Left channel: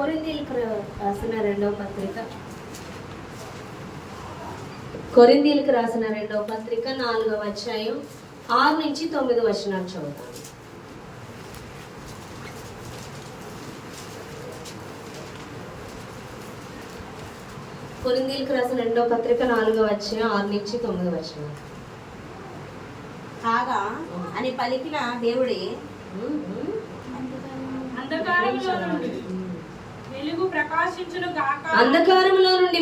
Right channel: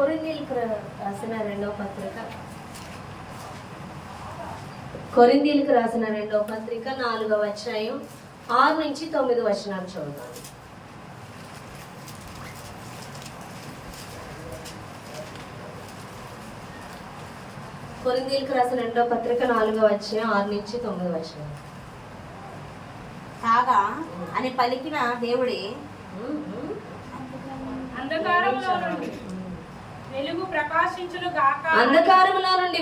కొరింథీయులకు రాసిన రెండవ పత్రిక, కొరింథీయులకు రాసిన రెండవ పత్రిక 4వ అధ్యాయం 6 నుంచి 9 వచనాలు చదువుతాం. కొరింథీయులకు రాసిన రెండవ పత్రిక 4వ అధ్యాయం 6 నుంచి 9 వచనాలు. కాగా అని పలికిన దేవుడే అంధకారములో నుండి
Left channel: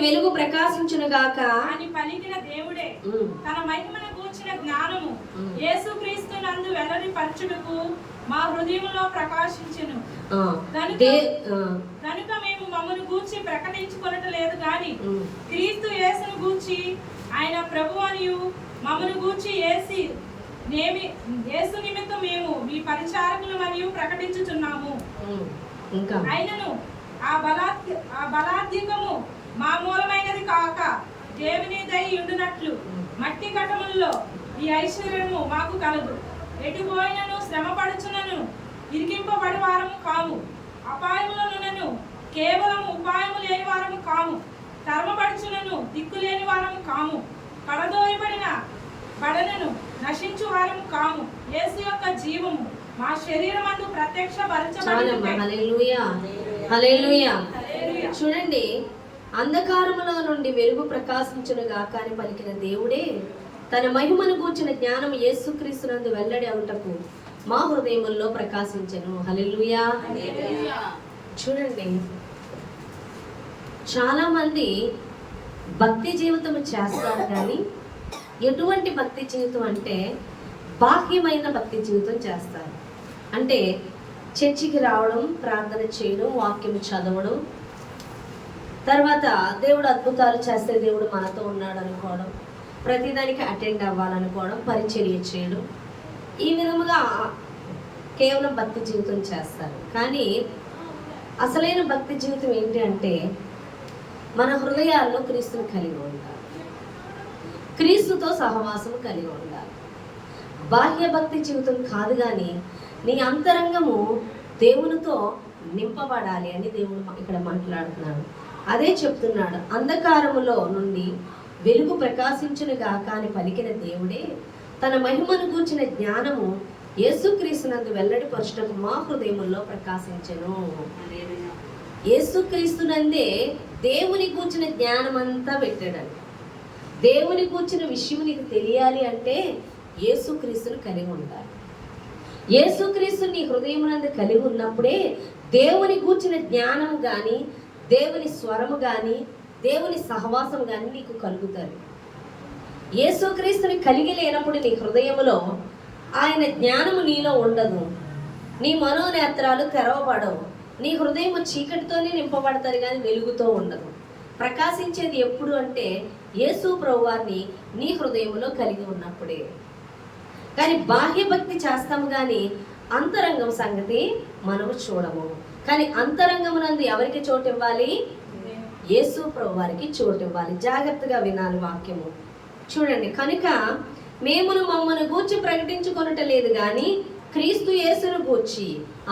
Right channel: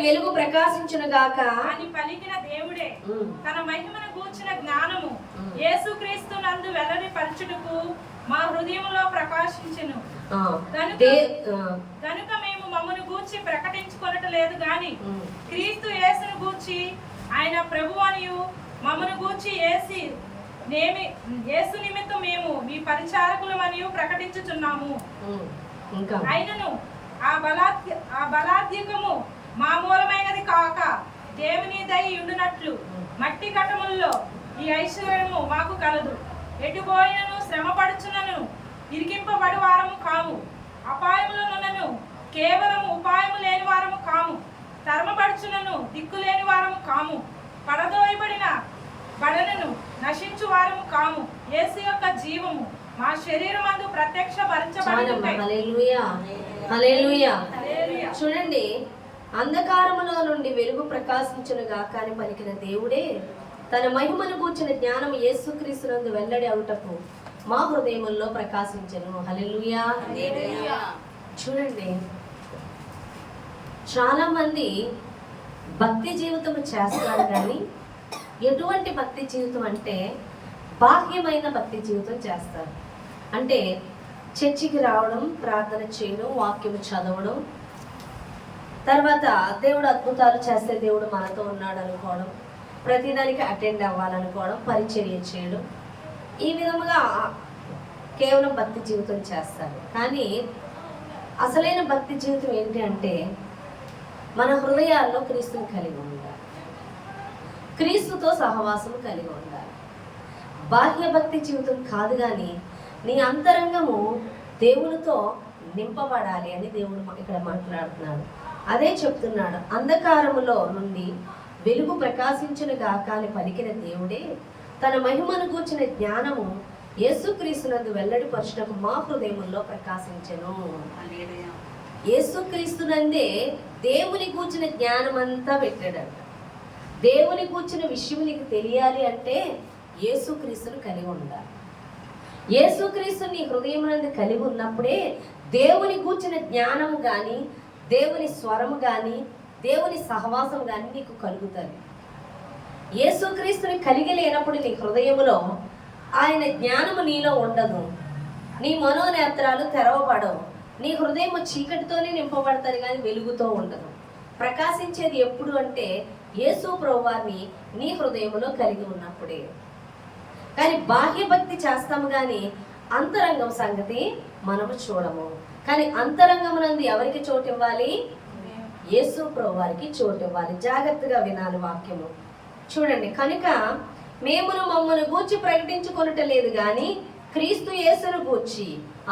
వెలుగు ప్రకాశించును గాక అని పలికిన దేవుడే తన మహిమను గూర్చిన జ్ఞానము యేసుక్రీస్తు నందు వెల్లడి పరచుటకు మా హృదయములో ప్రకాశించెను. కనుక మేము మమ్మను గూర్చి ప్రకటించుకొనటలేదు గాని క్రీస్తు యేసును గూర్చి ఆయన ప్రభువనియు మమ్మను గూర్చి యేసు నిమిత్తం మేము మీ పరిచారకులమనియు ప్రకటించుచున్నాము. అయినను ఆ బలాధికము మా మూలమైనది కాక దేవుని దయ ఉండునట్లు మట్టి కటముల్లో ఈ ఐశ్వర్యము మాకు కలదు. ఎటుపోయినను శ్రమపడుచునను ఇరికింపబడి వారము కాము, అపాయములనున్నను కేవలం ఉపాయము లేని వారము కాము, తరమపడుచునను దిక్కు లేని వారము కాము, పడదోయబడిన బడనను నశించు వారము కాము. యేసు యొక్క జీవము మా శరీరమందు చూడండి, అంధకారములో నుండి వెలుగు ప్రకాశించును గాక అని పలికిన దేవుడే తన మహిమను గూర్చిన జ్ఞానం యేసుక్రీస్తునందు వెల్లడి అవుటకు మా హృదయముల్లో ప్రకాశించెను. హల్లెలూయా. చూడండి, చాలా మంది భక్తి జీవితం చేస్తారు, కానీ ఎటువంటి భక్తి జీవితం అంటే బాహ్యమైన భక్తి జీవితం చేస్తారు. అంటే చర్చికి రావడం, ప్రార్థన చేయడం, వాక్యం చదవడం, తర్వాత దేవుడు అద్భుతాలు చేస్తే దేవుడు మనతో ఉన్నాడు అనుకోవడం, ప్రతిదానికి అటెండ్ అవ్వాలనుకోవడం, పరిచర్య చేయడం, ఈ విధముగా కేవలం భక్తి జీవితం చేస్తారు. కానీ అసలైన భక్తి జీవితం ఏంటి అంటే మన హృదయాల్లో క్రీస్తుని కలిగి ఉండాలి, క్రీస్తుతో సహవాసం కలిగి ఉండాలి. బాహ్య భక్తి జీవితం కాదు, కానీ నీ అంతరంగము దేవునితో నింపబడాలి అని దేవుడు ఇక్కడ మాట్లాడుతున్నాడు. అదే చెప్తున్నాడు, అంధకారములో నుండి వెలుగు ప్రకాశించును గాక అని పలికిన దేవుడే తన మహిమను గూర్చిన జ్ఞానము యేసుక్రీస్తునందు వెల్లడిపరచుటకు మా హృదయముల్లో ప్రకాశించెను. యేసుక్రీస్తునందే దేవుని గూర్చిన జ్ఞానం అంతా పెట్టాడంట. దేవుని గూర్చిన విషయం నీకు తెలియాలి అంటే యేసుక్రీస్తుని కలిగి ఉండాలి. యేసుక్రీస్తుని నీ హృదయమునందు కలిగి ఉన్నప్పుడే దేవుని గూర్చిన జ్ఞానము కానీ, దేవుని స్వరము కానీ, దేవుని సహవాసం కానీ నీకు కలుగుతాయి. యేసుక్రీస్తుని కలిగి లేనప్పుడు నీ హృదయములో ఆయన జ్ఞానము నీలో ఉండదు, నీ మనోనేత్రాలు తెరవబడవు, నీ హృదయము చీకటితోనే నింపబడతారు కానీ వెలుగుతో ఉండదు. ప్రకాశించేది ఎప్పుడు అంటే యేసు ప్రభువారిని నీ హృదయములో కలిగి ఉన్నప్పుడే. కానీ బాహ్య భక్తి చేస్తాము కానీ అంతరంగం సంగతి మనము చూడము. కానీ అంతరంగమునందు ఎవరికి చోటు ఇవ్వాలి? యేసు ప్రభువారికి చోటు ఇవ్వాలి. జాగ్రత్తగా వినాలి వాక్యము. చూడండి, కనుక మేమును మమ్మను గూర్చి ప్రకటించుకొనుటలేదు కానీ క్రీస్తు యేసును గూర్చి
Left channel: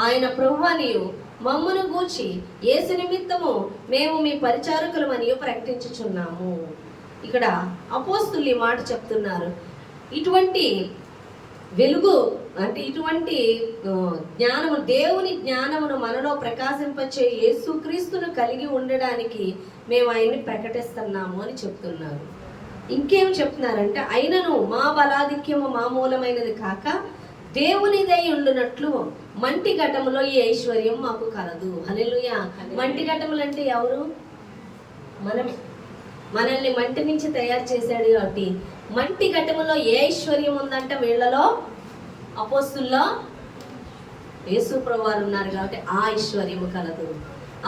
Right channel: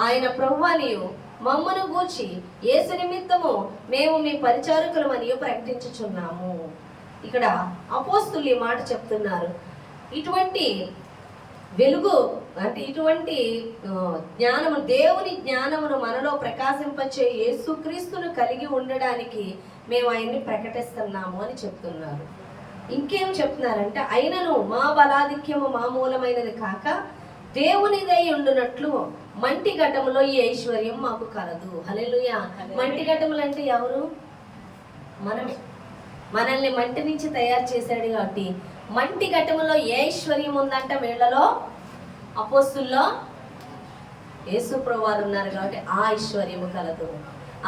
ఆయన ప్రభువనియు మమ్మను గూర్చి యేసు నిమిత్తము మేము మీ పరిచారకులమని ప్రకటించుచున్నాము. ఇక్కడ అపోస్తులు ఈ మాట చెప్తున్నారు. ఇటువంటి వెలుగు అంటే ఇటువంటి జ్ఞానము, దేవుని జ్ఞానమును మనలో ప్రకాశింపచే యేసుక్రీస్తును కలిగి ఉండడానికి మేము ఆయన్ని ప్రకటిస్తున్నాము అని చెప్తున్నారు. ఇంకేం చెప్తున్నారంటే, అయినను మా బలాధిక్యము మా మూలమైనది కాక దేవునిదై ఉండునట్లు మంటి ఘటములో ఈ ఐశ్వర్యం మాకు కలదు. హల్లెలూయా. మంటి ఘటములు అంటే ఎవరు? మనమే. మనల్ని మంటి నుంచి తయారు చేశాడు కాబట్టి మంటి ఘటములో ఏ ఐశ్వర్యం ఉందంటే వీళ్ళలో, అపోస్తుల్లో యేసు ప్రభువారు ఉన్నారు కాబట్టి ఆ ఐశ్వర్యము కలదు,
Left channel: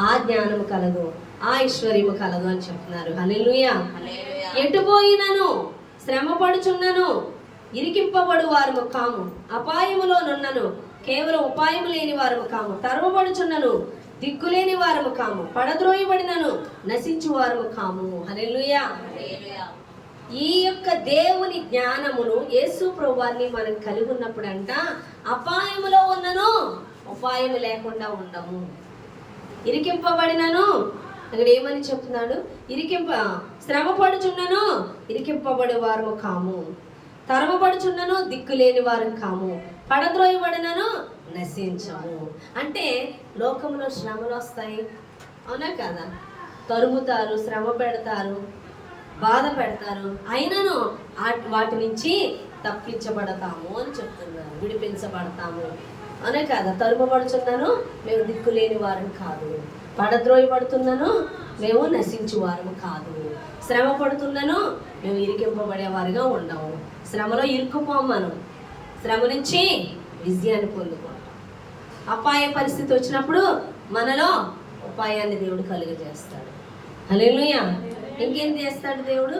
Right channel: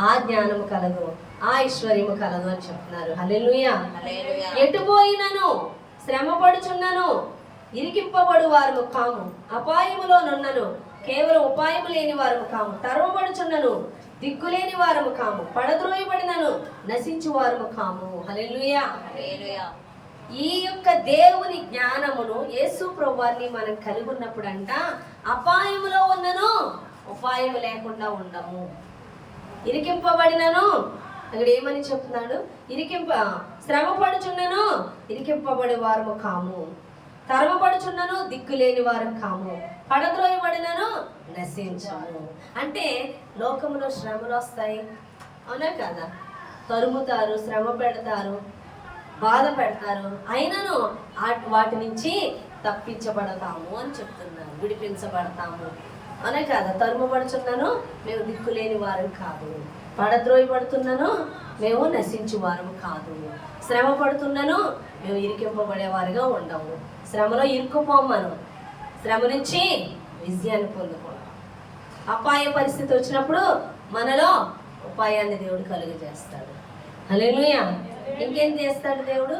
ఆ జ్ఞానము కలదు, ఆ ఐశ్వర్యము కలదు అని చెప్తున్నారు. హల్లెలూయా. ఎటుపోయినను శ్రమపడుచున్నను ఇరికింపబడు వారము కాము, అపాయములోనున్నను కేవలం ఉపాయము లేని వారము కాము, తరమబడుచున్నను దిక్కులేని వారము కాము, పడద్రోయబడినను నశించు వారము కాము. హల్లెలూయా. ఈ యొక్క దేవుని జ్ఞానమును యేసు ప్రభువారిని మనం కలిగి ఉన్నప్పుడు అంట అపాయములో ఉన్నను ఉపాయము లేకుండా ఉండము. ఇరికింపబడినను, అక్కడ ఏమని చెప్తున్నాడు? శ్రమపడుచున్నను ఇరికింపబడే వారము కాము, తరమపడుచున్నను దిక్కులేని వారం కాము, పడద్రోయబడినను నశించము. అంటే లోకంలో శ్రమలు వస్తాయి, అవునా కదా? తరుముతారు, శ్రమ పెడతారు, బాధ పెడతారు, అయినను వాటి నుంచి తప్పించబడతాము అని చెప్తున్నాను, విడిపించబడతాము, అవునా కదా? తరుమబడుచున్నాను మేము దిక్కులేని వారం కాదు, పడద్రోయబడుతున్నాను మేము నశించు వారం కాదు, శ్రమ పడుతున్నాను మేము ఇరికింపబడేవారుగా ఉండము. శ్రమలో ఇరుక్కుపోం, మనం శ్రమ నుంచి విజయాన్ని పొందుకుంటాం. అపాయ పరిస్థితి వచ్చినప్పుడు మనలో ఉపాయాన్ని దేవుడు కలుగజేస్తాడు. హల్లెలూయా. ఇంకేం చేస్తాడు దేవుడు?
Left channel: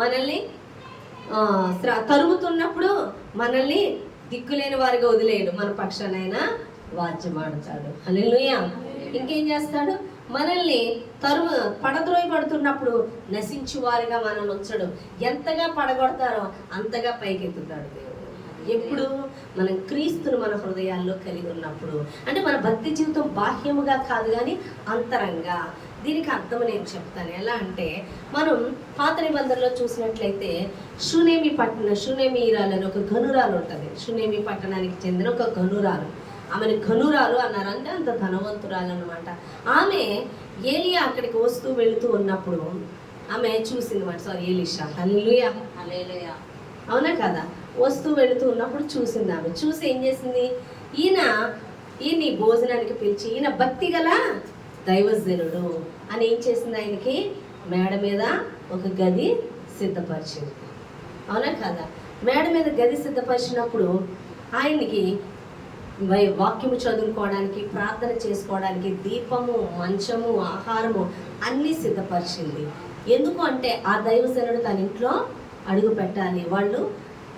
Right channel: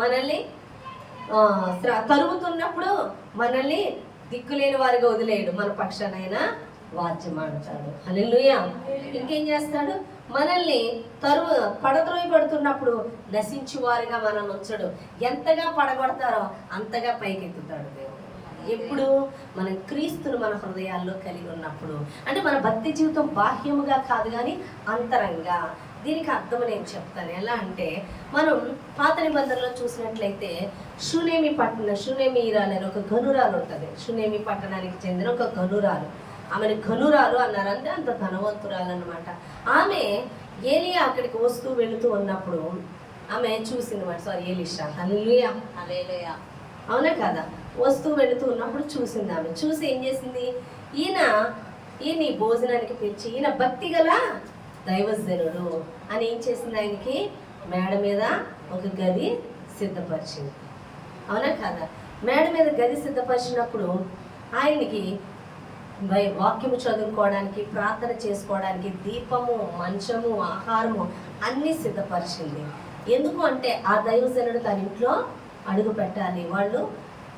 మనల్ని తరుగుతున్నప్పుడు మనల్ని దిక్కులేని వారిగా వదిలేయడు, మన పక్షానైనా వాద్యమాడతాడు. హల్లెలూయా. ఇంకేం చేస్తాడు? మనల్ని పడద్రోయబడుతున్నప్పుడు నశించు వారిగా మనల్ని ఉంచడు. ఎంతగా పడగొడతారో అంతగా పైకెత్తుతాడు దేవుడు. ఎప్పుడు? మనం క్రీస్తును మన హృదయాల్లో కలిగి ఉన్నప్పుడు. అంటే మన భక్తి జీవితం బాహ్యముగా కాదు కానీ అంతరంగా. దీనికి అర్థం నేను చెప్తాను. ఎలా అంటే, మనం పాత నిబంధనలో చూసినట్లయితే షూనేమీరాలు అని ఒక గనురాలు ఉంటుంది. షూనేమి పట్టణానికి చెందిన ఒక గనురాలు. ఆమెను గనురాలు అన్నారు, అంటే అంత ధనవంతురాలు అన్నమాట. ఆమె ఏలియా అక్కడికి వస్తూ వెళుతూ ఉన్నప్పుడు ఆమె చూసింది మాట. ఎలీషా, హల్లెలూయా, అవునా కదా? వస్తూ వెళుతూ ఉన్నప్పుడు చూసింది. ఆమె చూసి ఏం చేసింది? ఈయన భోజనానికి పిలిచి, ఈయన భక్తి గల దైవజనుడు అని ఏం చేసింది? ఆయనకి మేడ మీద ఒక గది సిద్ధపరిచింది, అవునా కదా? మేడ మీద గది సిద్ధపరిచినప్పుడు ఆయనకి వాక్యము చదువుకోవడానికి, ప్రార్థన చేసుకోవడానికి దీపము, మంచము, ఆహారము అన్నీ సిద్ధపరిచింది. ఎందుకు అంటే ఆ దైవజనుడు తన ఇంట్లో అడుగు పెట్టాలి.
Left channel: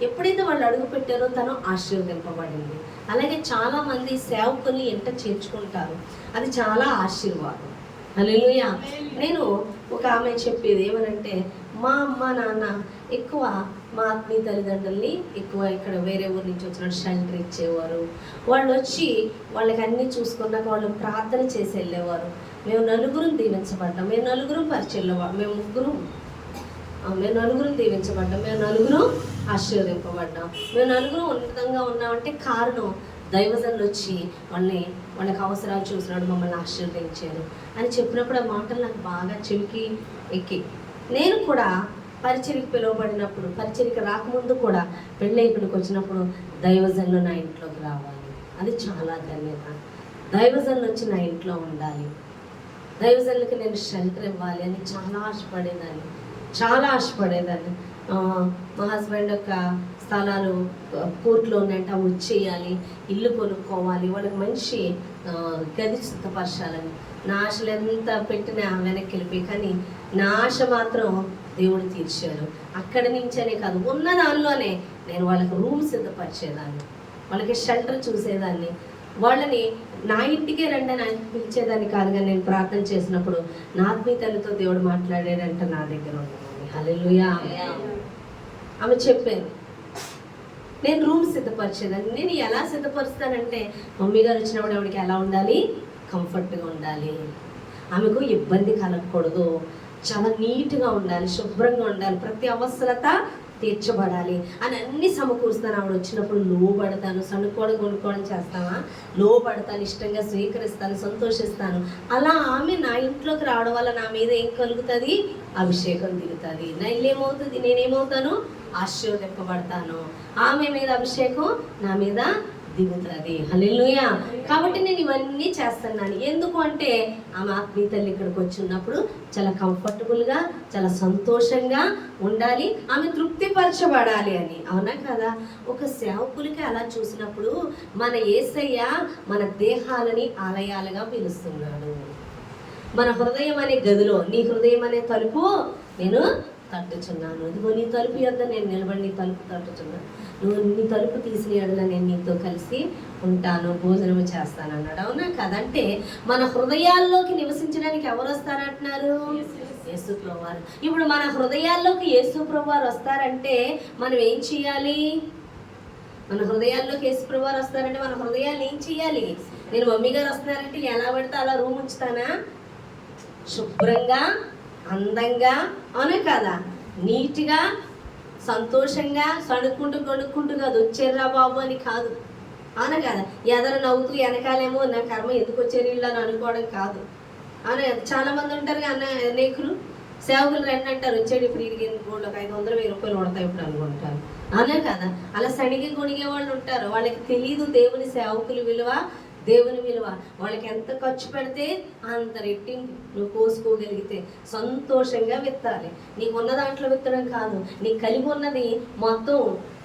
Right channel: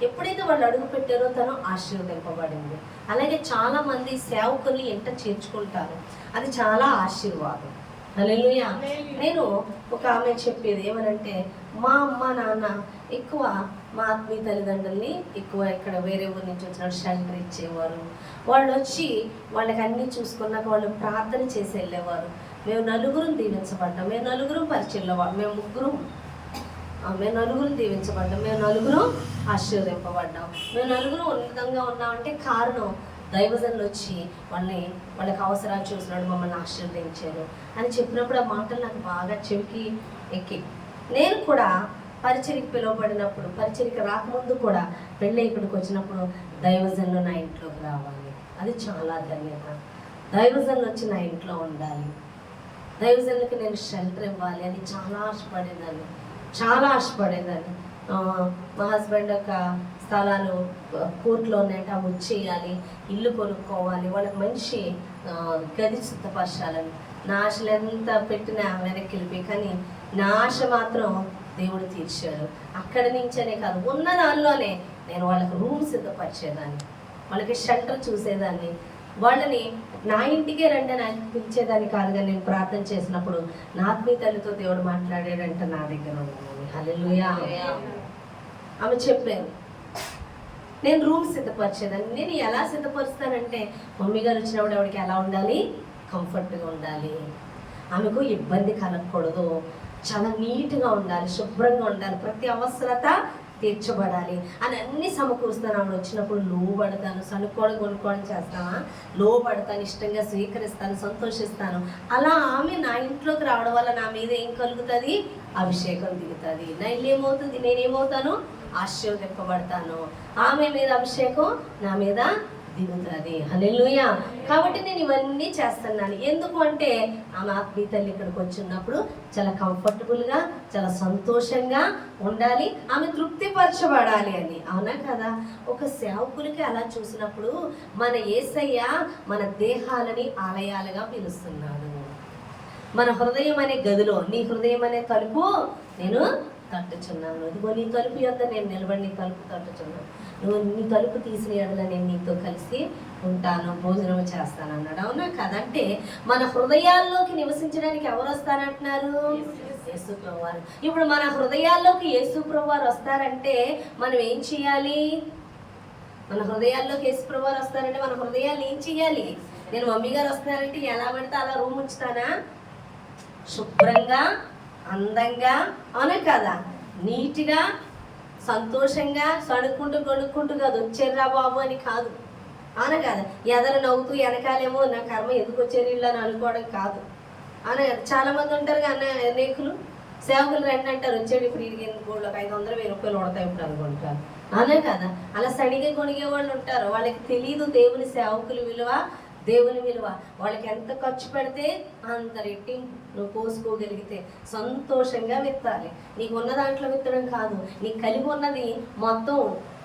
ఎప్పుడైతే వాళ్ళు అడుగు పెట్టారో తను ఆశీర్వదింపబడింది. అలాగే చాలా మంది సేవకుల్ని ఎంట చేర్చుకుంటారు, అది చాలా ఆశీర్వాదం. హల్లెలూయా. నేను ఒక ఆమె చెప్పేది ఏమనంటే, మా అమ్మ నాన్న ఎక్కువ మా ఆత్మీయ తల్లిదండ్రుల్ని ఎక్కువ ఇక్కడ వేరే ఊరి నుంచి వచ్చిన షెల్టర్ ఇచ్చేవారు. వాళ్ళు వచ్చి వాళ్ళకి అన్నీ చూసుకున్నాక వాళ్ళు ప్రార్థన చేసి వెళ్ళేవారు. మేము నలుగురం దీవించబడ్డాం, మేము నలుగురం పరిచయంలో, మేము నలుగురం దీవించబడ్డాం, మేము నలుగురం ఆశీర్వదింపబడ్డాం, మేము నలుగురం ఉన్నతంగా ఉన్నామంటే కారణం దైవజనులు వచ్చి వాళ్ళకి అవసరాలు చూసినాడు, మమ్మల్ని ఆశీర్వదించారు అని చెప్పినప్పుడు ఆ మాటలు నాకు బాగా చెవికి ఎక్కి, నేను కూడా పరిచర్యకి పిలువబడినప్పుడు, పరిచర్యకి రాకముందు కూడా పెళ్ళి ఇక్కడికి వచ్చినప్పుడు దైవజనులు నా ఇంట్లోకి రావాలి, అది చాలా ధన్యత. దైవజనులు వచ్చి నా ఇంట్లో ఉండాలి, దైవజనులకి నేను షెల్టర్ ఇవ్వాలి అని చాలా ఆశపడేదాన్ని. మా హస్బెండ్ యొక్క స్థలాలు కోర్టులో ఉన్నాయంటే అవి వచ్చేయాలి, ఇల్లు కొనుక్కోవాలి, వాళ్ళకి మంచి గది సిద్ధపరచాలని నా ఆశలు ఎంత పెట్టినా వెనక్కి వెళ్ళిపోయి, కానీ నా ఆశ మాత్రం దేవుడు తీర్చాడు. అక్కడి నుంచనే కాదు, ఉన్న దానిలోనే నేను వాళ్ళకి రూమ్ సిద్ధపరిచేదాన్ని, వాళ్ళకి షెల్టర్ చూసేదాన్ని, వాళ్ళని నా ఇంటికే రండి అని పిలిచేదాన్ని కాదు. కానీ నేను ప్రార్థన చేసినప్పుడు నా ఆత్మీయ తల్లితో దేవుడు మాట్లాడాడంట నా దగ్గర ఉంది. హల్లెలూయా. ఆమె చెప్పాను, నేను రూమ్ సిద్ధపరిచేదాన్ని. నేను ఎలా సిద్ధపరుస్తానంటే, మమ్మీ గారు వచ్చినప్పుడు ఆవిడకి ఎలా ఉండాలి? కంఫర్ట్గా ఉండాలి, ఆమెకు ఇబ్బంది కలగకూడదు, చాలా నీట్గా ఉండాలి, శుభ్రంగా ఉండాలి, ప్రతి అవసరత తీర్చబడాలి అని అన్ని సమకూరుస్తాను. ఆవిడ వచ్చినప్పుడు లోబడతాను, సనుక్కోవడం కొనుక్కోవడం చేస్తావా, లోబడతాను, ఇష్టంగా స్వీకరిస్తాను, సంతోషిస్తాను. అలా ఆమె నా ఇంట్లోకి రావడం వల్ల నా మీద ఏం కలుగుతుంది? అభిషేకం దిగుతుంది. నా ఇల్లు ఏమవుతుంది? నేనేమవుతాను? ఆశీర్వదింపబడతాను. ఆమె మీద అభిషేకం నా మీద దిగుతుంది. హల్లెలూయా. కాబట్టి నేను ఇవన్నీ చేస్తున్నాను. ఎందుకు అంటే ఆమె ఆత్మీయ తల్లి ఇక్కడికి వచ్చినప్పుడు చాలా కంఫర్టబుల్గా, చాలా సంతోషంగా ఉండాలి, ఆమె తృప్తిపరచబడాలి అని. అవునా కదా? ఒక సేవకులకి అలా చూసినప్పుడు మన యేసయ్య మన దేహాలని ఆలయాలుగా పిలుస్తున్నాడు. మన హృదయం అనే గదిలో, నీ హృదయం అనే తలుపు నేను తట్టుచున్నాను, ఇదిగో నీ తలుపు యొద్ద నేను నిలబడి నీ తలుపు తట్టుచున్నాను, నువ్వు నీ తలుపు తీసిన ఎడల నేను నీతో కలిసి ఉంటాను, భోజనం చేస్తాను అన్నాడు. అవునా కదంటే మన హృదయాల్లోకి నివసించడానికి ఎవరు వస్తారంటున్నారు? యేసు ప్రభువారు. ఇప్పుడు మన హృదయాల్లోకి యేసు ప్రభువారు వస్తారంటే మనం ఏం చేయాలి? మన హృదయాల్లోకి యేసు ప్రభువారు వస్తారంటే మన హృదయాన్ని ఏం చేయాలి? నేను మమ్మీ గారు వస్తున్నారంటే ఎలా పడితే అలా రూమ్ ఉంచుతానా? శుభ్రంగా, అందంగా, అవునా కదా, నీట్గా, సంతోషంగా, సణుక్కుంటూ కొనుక్కుంటూ కాదు, వచ్చారా బాబు అని కాదు, అవునా కదా, ఎదరు నవ్వుతూ వెనకాలేమో నా కర్మ ఎందుకు వచ్చారు ఇల్లు అని అనుకోవడం కాదు, అవునా కదా. చాలా మంది ఉంటారు అన్న అనేకులు, సేవకులు రండి అంటారు, వచ్చాడు ఇప్పుడు ఇరిగి గోళ్ళకి 500,000 రూపాయలు పడతాయి ఇప్పుడు అనుకుంటారు, అవునా కదా. అలా సడిగా కొనిగే వాళ్ళు ఉంటారు, వాళ్ళకి తెలీదు దేవుని సేవకుల విలువ, దేవుని విలువ. వాళ్ళకి ఎంత ఖర్చు పెడితే అంత రెట్టింపు నువ్వు కోసుకోగలిగితే సంతోషంగా విత్తాలి. నీకు ఉన్న దాంట్లో విత్తడం కాదు, నీకు కలిగి ఉన్నది మొత్తం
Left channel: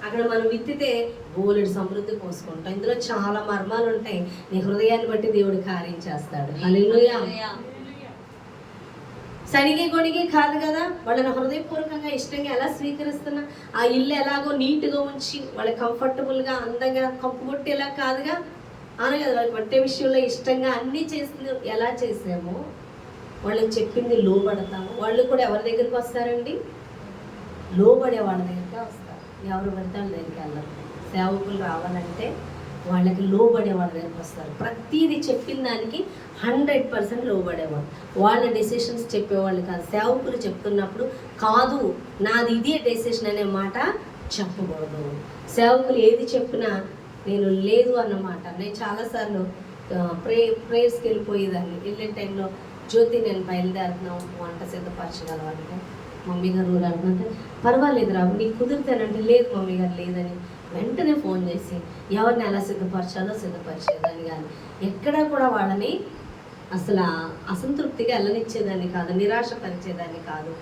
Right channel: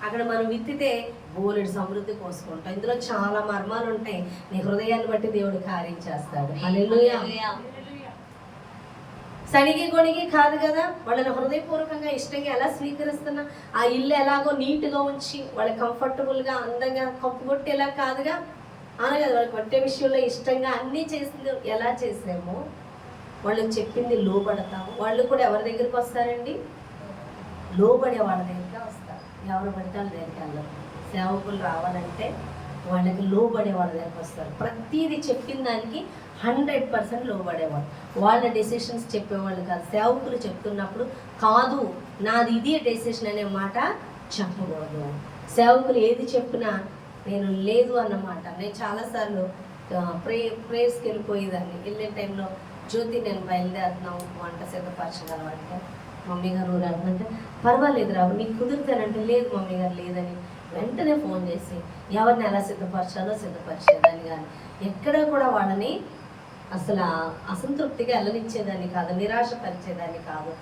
అక్కడ మనం విత్తితే బోలెడు సమృద్ధి కోసుకుంటాం. ఇందులో చాలా మర్మాలు ఉంటాయి. నీ హృదయాన్ని బట్టి దేవుడు కార్యం చేస్తాడు. హల్లెలూయా. సడిగి గొడిగి కాదు కదా, వాళ్ళని హృదయపూర్వకంగా ఇష్టంగా ఎలా స్వీకరిస్తున్నా, ఆ ఇల్లు ఎలాగో నీట్గా ఉంచి వాళ్ళకి కంఫర్టబుల్గా అందంగా కప్పు కొట్టేలా కాదుగా, అలా కదా. వాళ్ళకి పట్టే విషయంలో ఇష్టంగా అన్నీ చేసింది ఎలా చేసామో వాళ్ళకి చెప్పింది లోబడతాము. వాళ్ళు కూడా ఎవరి దగ్గరికి వస్తారండి? లోబడే వాళ్ళ దగ్గరికి వస్తారు. ఎవరు పడితే వాళ్ళ దగ్గరికి వెళ్ళరు. సేవకులు రావాలంటే వాళ్ళకి లోబడే వాళ్ళ దగ్గరికి వస్తారు. ప్రతిదీ చెప్పిన దానికి 100% లోబడేవాళ్ళు. వాళ్ళ డెసిషన్స్ చెప్పేవాళ్ళు కాదు. సేవకులు చెప్తున్నప్పుడు కాదు నాది ఇదే డెసిషన్ అనే మాట చెప్పకూడదు. సేవకులు ఏది చెప్పినా నేను లేదు అన్నమాట. నేను చాలాసార్లు ప్రేయర్స్కి వెళ్ళిపోయేదాన్ని. వెళ్ళే టైంలో జ్యోతి నేను బయలుదేరుతున్నాం, వంట సిద్ధపరచగలవంటే మమ్మీ గారు ఊరంటే పర్వాలేదు రావు నీకు కుదిరితేనంటే లేదు మమ్మీ గారు లేదని వెంటనే ఫోన్ చేసి ఎవరిని ఎలా సిద్ధపరచాలో సిద్ధపరిచేదాన్ని. కానీ ఎక్కడా కూడా వాళ్ళని అసలు అసంతృప్తిగా వెళ్ళనిచ్చేదాన్ని కాదు, నిరాశపరిచేదాన్ని కాదు.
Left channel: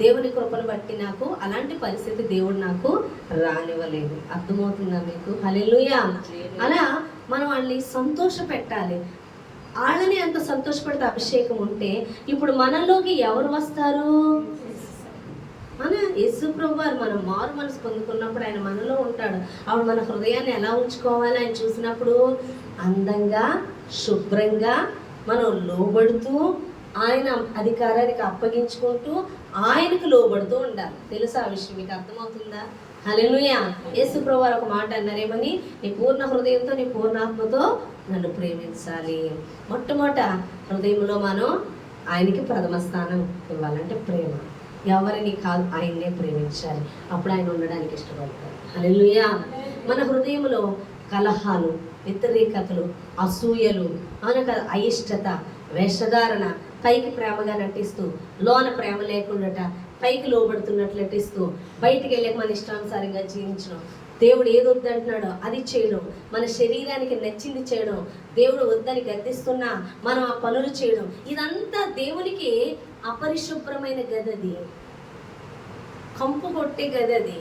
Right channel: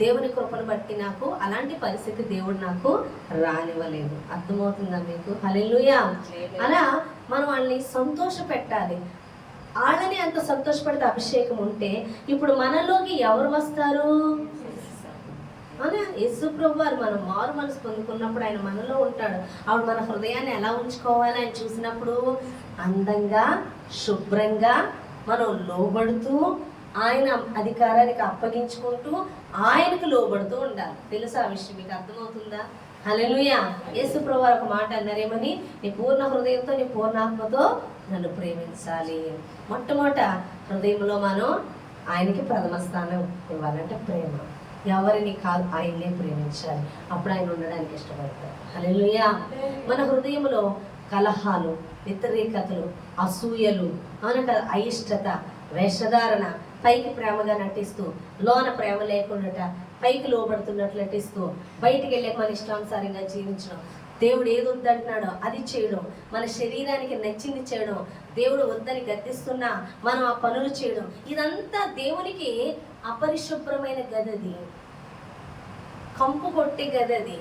దేవుని కృపను బట్టి నాకు అలాంటి పరిస్థితి దేవుడు నాకు రానివ్వలేదు. అర్థమవుతుందా మీకు? హల్లెలూయా. అలా మనం వాళ్ళని సంతోష పెట్టాలి. వాళ్ళని అంత సంతోషపెడితే అభిషేకం ఉంటే ఇప్పుడు మనలోకి ఎవరు వస్తారు? అలా యేసు ప్రభు వారు మనం మారు మనసు పొందుకున్నప్పుడు ఆయన మనలో ఉంటాడు. అప్పుడు మన హృదయాన్ని ఎలా ఉంచుకోవాలి? ఆయన చూసినప్పుడు అందంగా, శుభ్రంగా, మనం లోబడుతూ, ఆయన అధికారానికి అప్పగించుకుంటూ ఆయనకు లోబడుతూ ఉండాలి. తెలుసా ఆ విషయం? మీకు అర్థమవుతుందా? హల్లెలూయా. యేసు ప్రభువు ఒక మాట అన్నారేమని, నీ పూర్ణ హృదయంతో నీ పూర్ణాత్మతో నన్ను ప్రేమించాలి. మొట్టమొదట హృదయంలో మనం ఆయనకి ప్రథమ స్థానం ఇవ్వాలంటే ప్రేమ. ఎవరిని కాదు, ఆయన్నే ప్రేమించాలి. అప్పుడు ఆయన ఉండడానికి ఇష్టపడతారు. హల్లెలూయా. మన హృదయంలో కలహాలు, వ్యతిరేకతలు, అసూయలు, అనక అయిష్టత, వేషధారణ, పైకి ప్రేమగా నటిస్తూ లోన ప్రేమ లేకుండా పైకి లోబడుతున్నట్లు నటిస్తూ బయటికి వెళ్ళాక మన ఇష్టానుసారంగా జీవించడం, దేవుడు ఏది వద్దంటున్నాడో అది చేయడం, మన శరీరానికి నచ్చింది చేయడం, దేవుడు వద్దని గద్దిస్తున్నా మనం ఆ పనులు చేయడం, ఇదంతా దేవునికి అపరిశుభ్రమైన గదది, కంపు కొట్టే గదది,